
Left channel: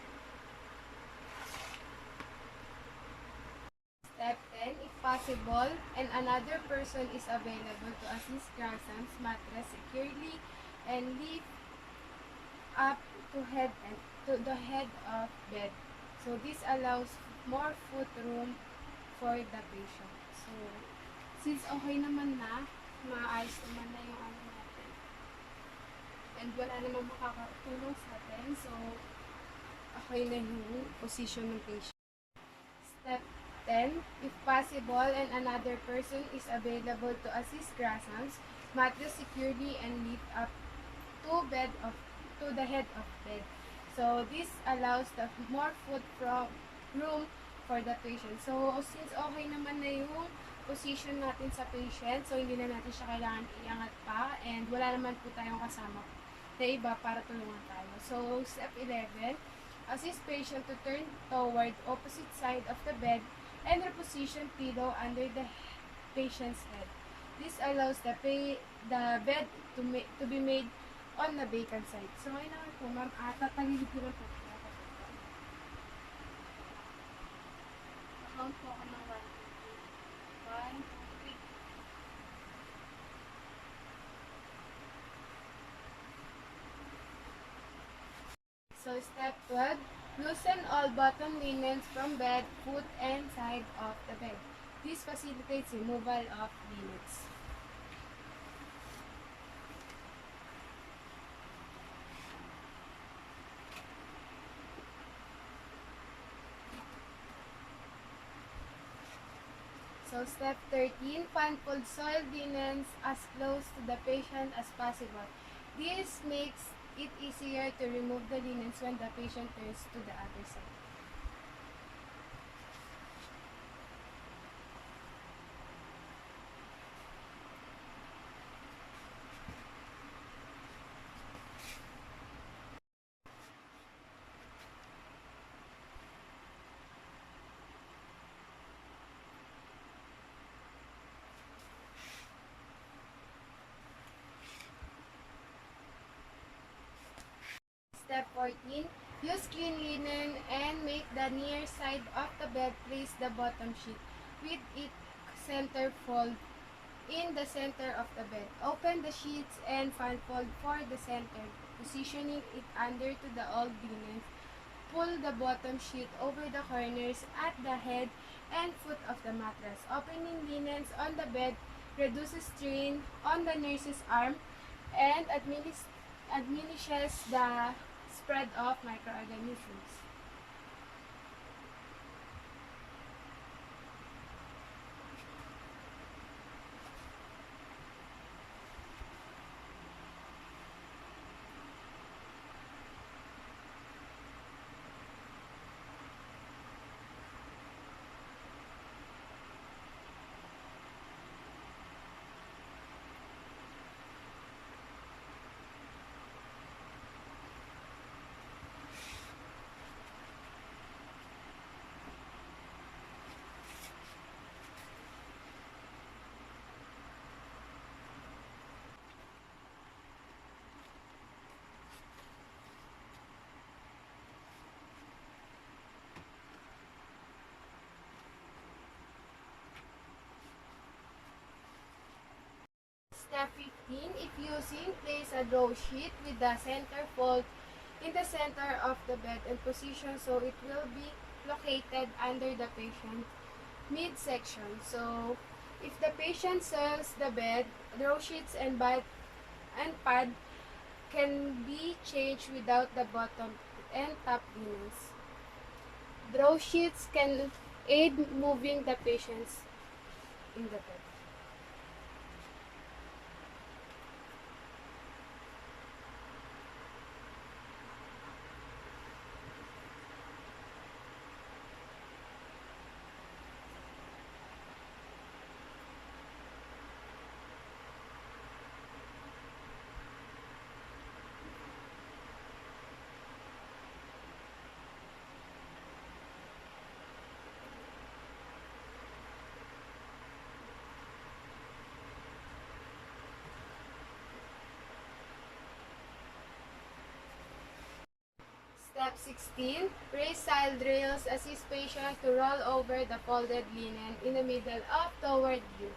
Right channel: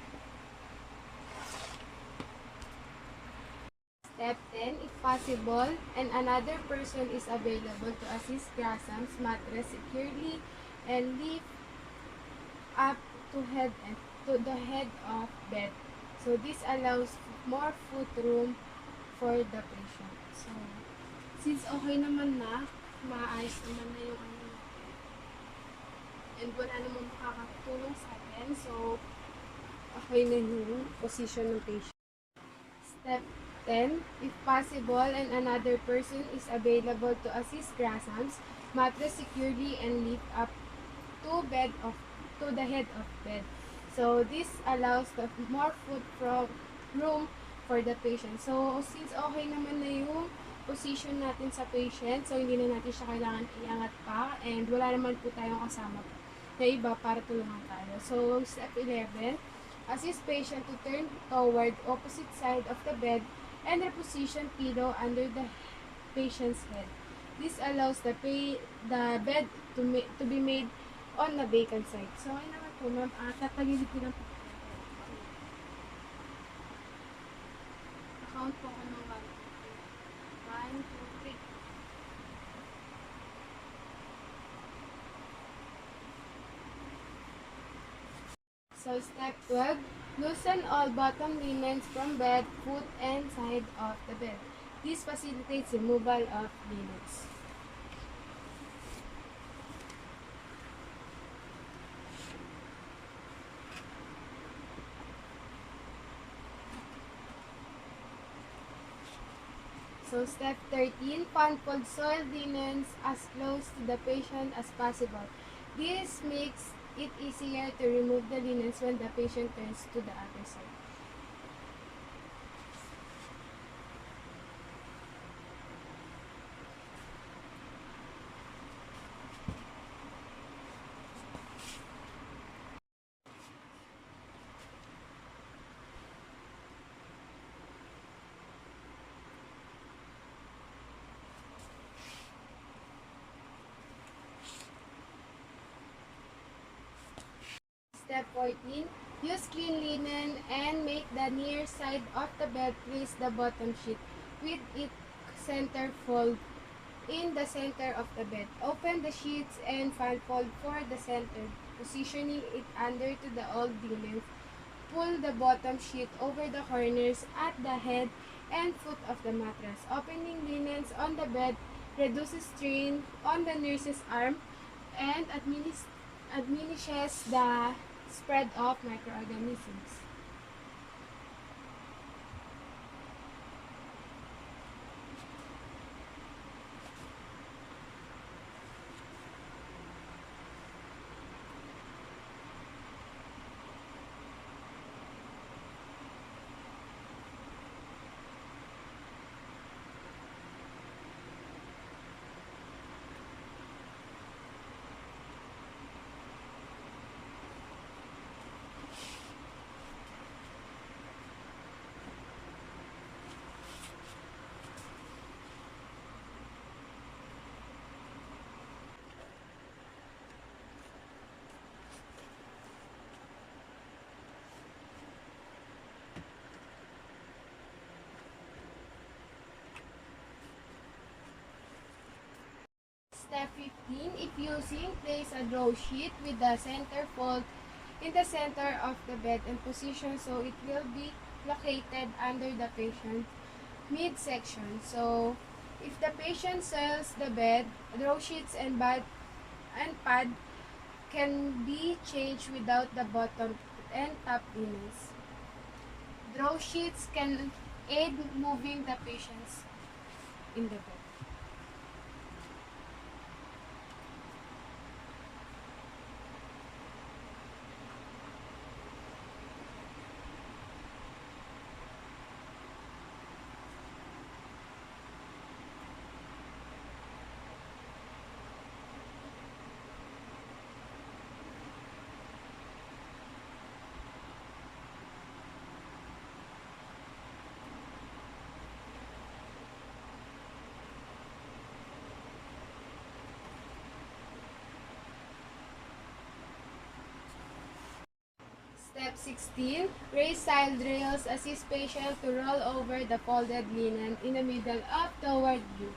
Step 10, if possible, and another person is available to assist Grasam's mattress securely and lift up to the head of bed. So, this allows more foot room for the patient. So, since okay naman na, maayos naman na yung ano natin, and wala naman makakatulong sa atin, so, okay na yung position ng patient. Step 10, if possible and another person is available to assist Grasam's mattress securely and lift up to the head of bed. So, this allows the more foot room for the patient. So, since okay naman na yung position natin sa patient, so hindi na natin siya kailangan iangat pa, and wala naman po tayong kasama na iba para tulungan tayo. So, step 11, assist patient to turn toward opposite side of the bed and reposition pillow under the patient's head. This allows the bed to be made on the vacant side. So, ayun naman po, ma'am. Tatagilid ko lang po. Count po ako ng 1, 2, 3. So, step 12, loosen all bottom linens from bed, foot, and side of the bed. This facilitates removal of linens. So, step 13, pan-fold soiled linens as close to the patient as possible. This makes it easier to remove the linens when the patient turns to the other side. Step 14, use clean linen and make the near side of the bed place the bottom sheet with its center fold in the center of the bed. Open the sheets and fan fold for the center, positioning it under to the old linens. Pull the bottom sheet over the corners at the head and foot of the mattress. Opening linens on the bed reduces strain on the nurse's arm and diminishes the spread of microorganisms. Step 15, if using, place a draw sheet with the center fold in the center of the bed and position so it will be located under the patient midsection. So, if the patient swells the bed, draw sheets and pad can be changed without the bottom and top linens. Draw sheets can aid moving the patients in the bed. Step 16. Raise side rails. Assist patient to roll over the folded linen in the middle of toward you.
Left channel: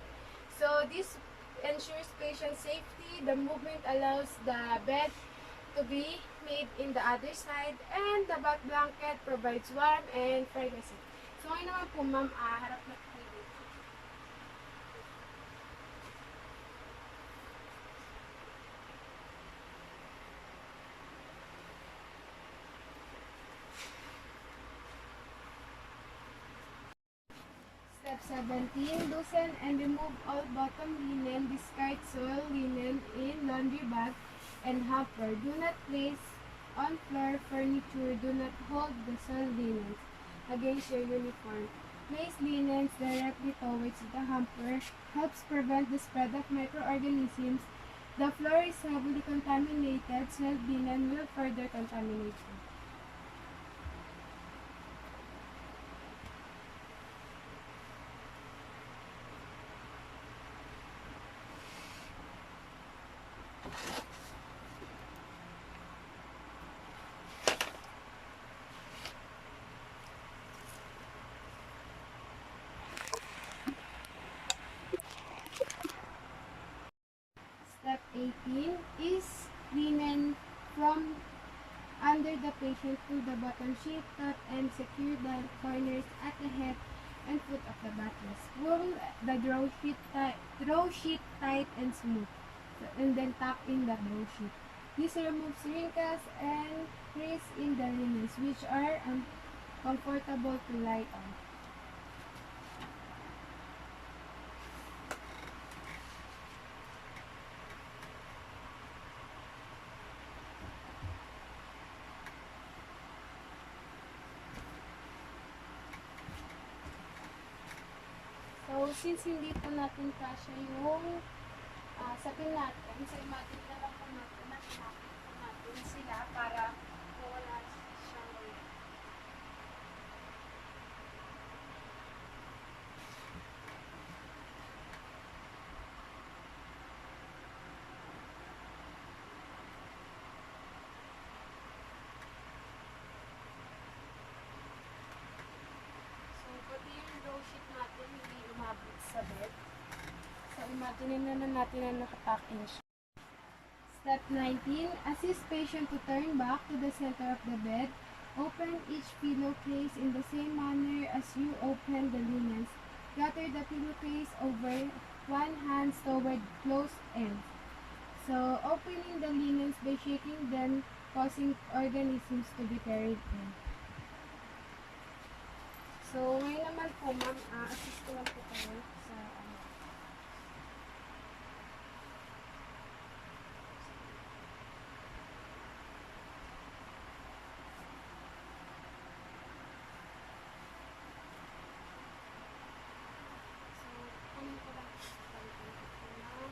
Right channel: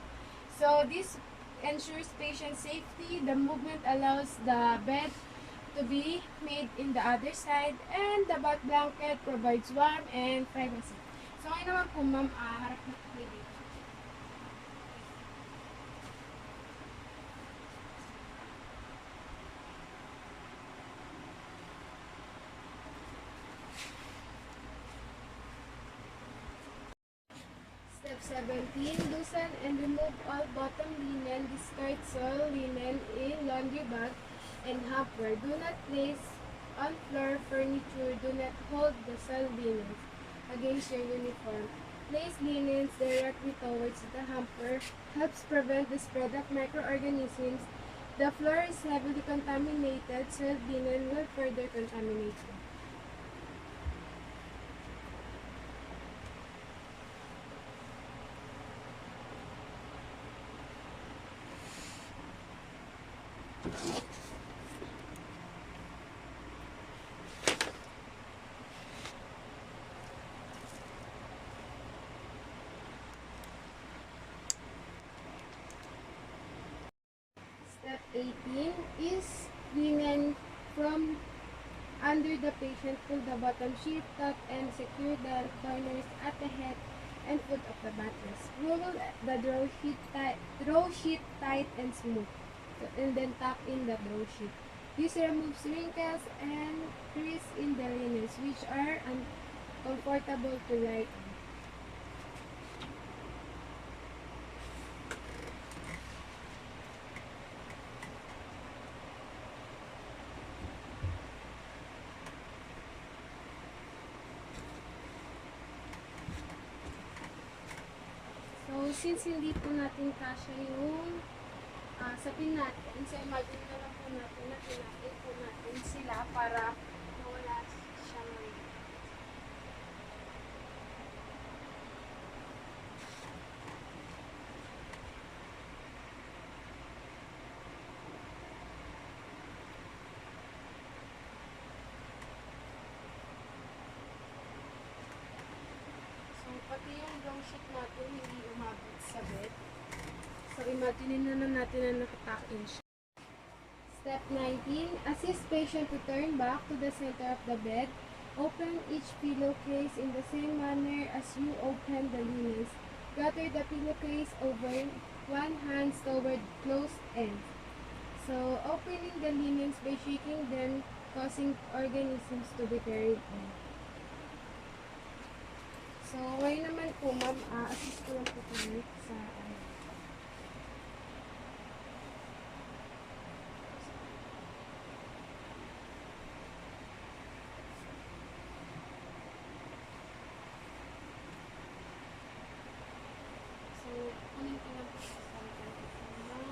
So this ensures patient safety. The movement allows the bed to be made in the other side, and the bath blanket provides warmth and privacy. So ngayon naman po ma'am, harap na po kayo dito. Step 17. Loosen and remove all bottom linen. Discard soil linen in laundry bag and hamper. Do not place on floor furniture. Do not hold the soil linens against your uniform. Place linens directly towards the hamper. Helps prevent the spread of microorganisms. The floor is heavily contaminated. Soiled linen will further contaminate you. Step 18 is linen from under the patient. Pull the bottom sheet top and secure the corners at the head and foot of the mattress. Roll the draw sheet tight and smooth, and then tuck in the draw sheet. This removes wrinkles and crease in the linens, which are uncomfortable to lie on. So, since hindi po natin kasya yung sapin natin, so imagine na lang po natin na pinakit po natin sila para mawala siyang weight. So, pati yung row sheet natin hindi umabot sa bed. So, imagine na lang natin na nakatuck in siya. Step 19. Assist patient to turn back to the center of the bed. Open each pillowcase in the same manner as you open the linens. Gather the pillowcase over one hand toward closed ends. So, opening the linens by shaking them, causing organisms to be carried in. So, ngayon naman po, ma'am, assist ko lang po kayo sa So, kunin ko lang po sa salitan ko ng sana.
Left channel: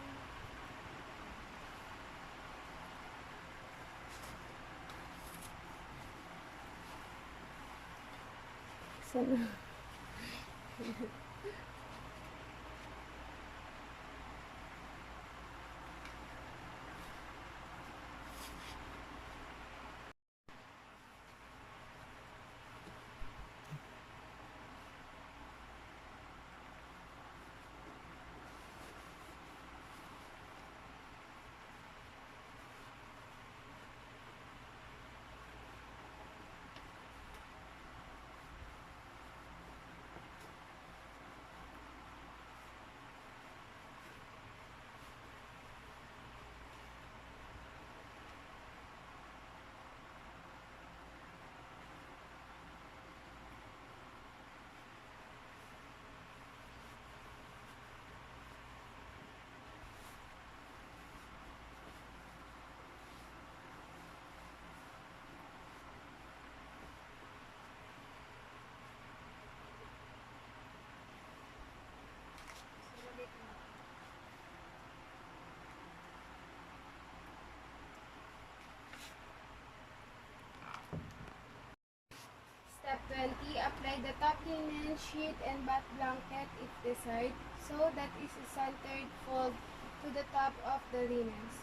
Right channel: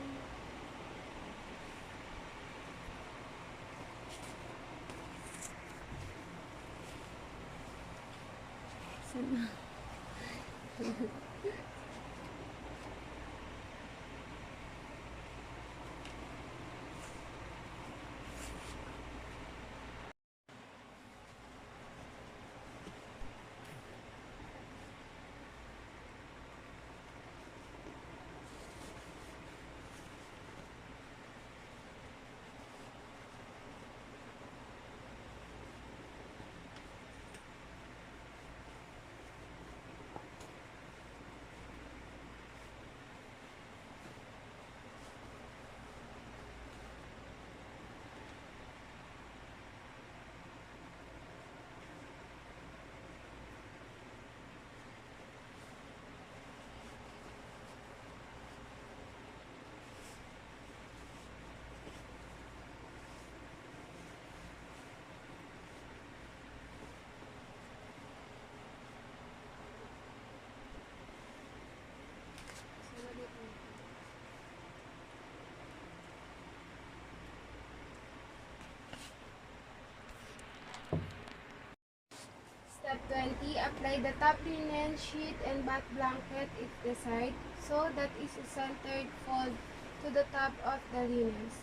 20. Apply the top linen, sheet, and bath blanket if desired, so that is a centered fold to the top of the linens.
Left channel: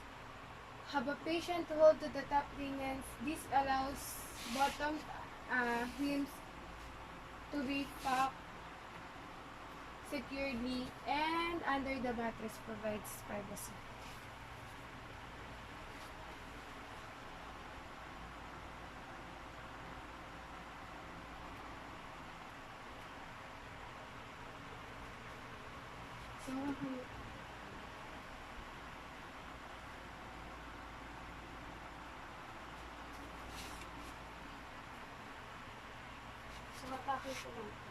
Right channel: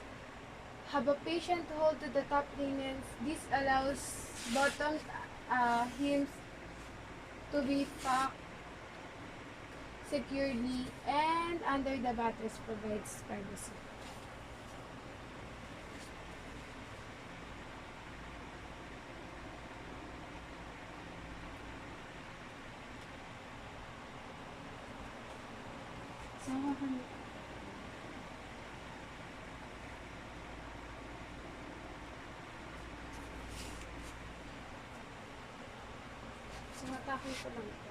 Have a patient hold to the top linens. This allows bottom hems to be packed securely, and under the mattress provides privacy. So, matake ko lang ito.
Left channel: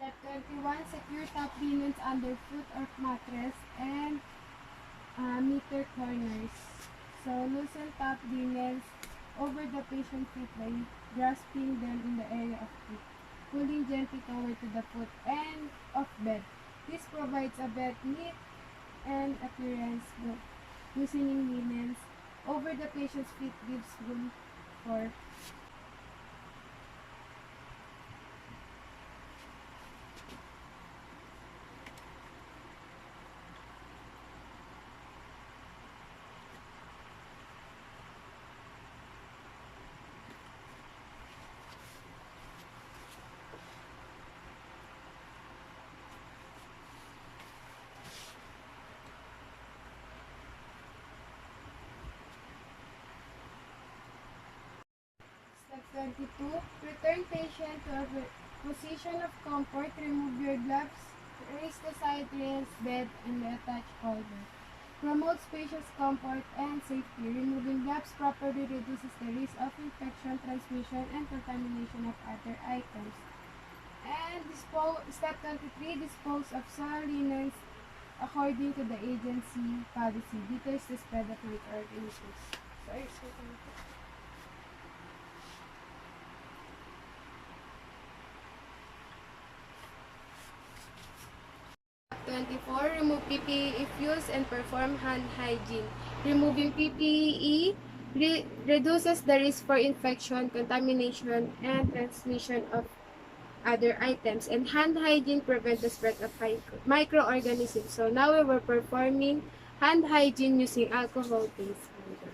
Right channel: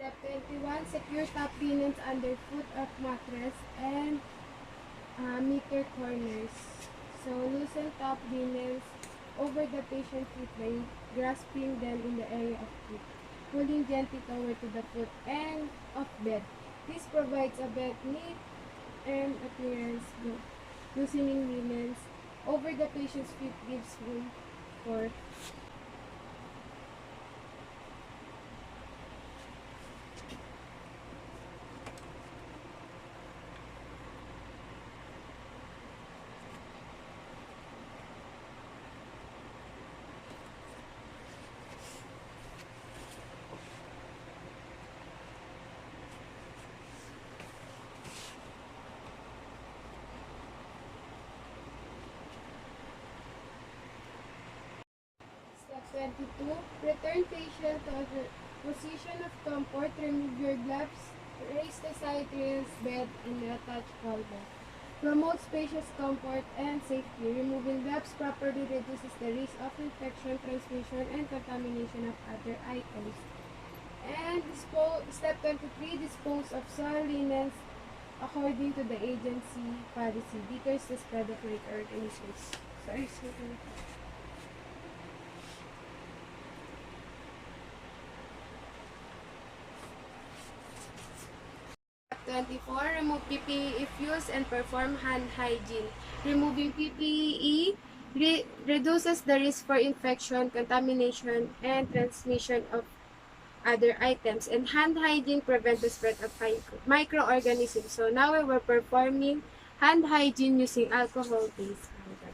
Step 21, secure top linens under foot of mattress and meter corners. So, loosen top linens over the patient's feet by grasping them in the area of feet, pulling gently toward to the foot end of bed. This provides a bed neat and appearance. Loosening linens over the patient's feet gives room for Step 22. Return patient to a position of comfort. Remove your gloves. Raise the side rails, bed, and the attached holder. Promote spacious comfort and safety. Removing gloves properly reduces the risk of infection, transmission, and contamination of other items. And step 23. Dispose of soiled linens according to the agency policy. Deters the spread of microorganisms. Sorry, sorry. 24. Remove PPE if used and perform hand hygiene. Removing PPE reduces the risk for infection, contamination, and transmission of other items. And hand hygiene prevents the spread of microorganisms. So now we're performing hand hygiene using alcohol-based hand.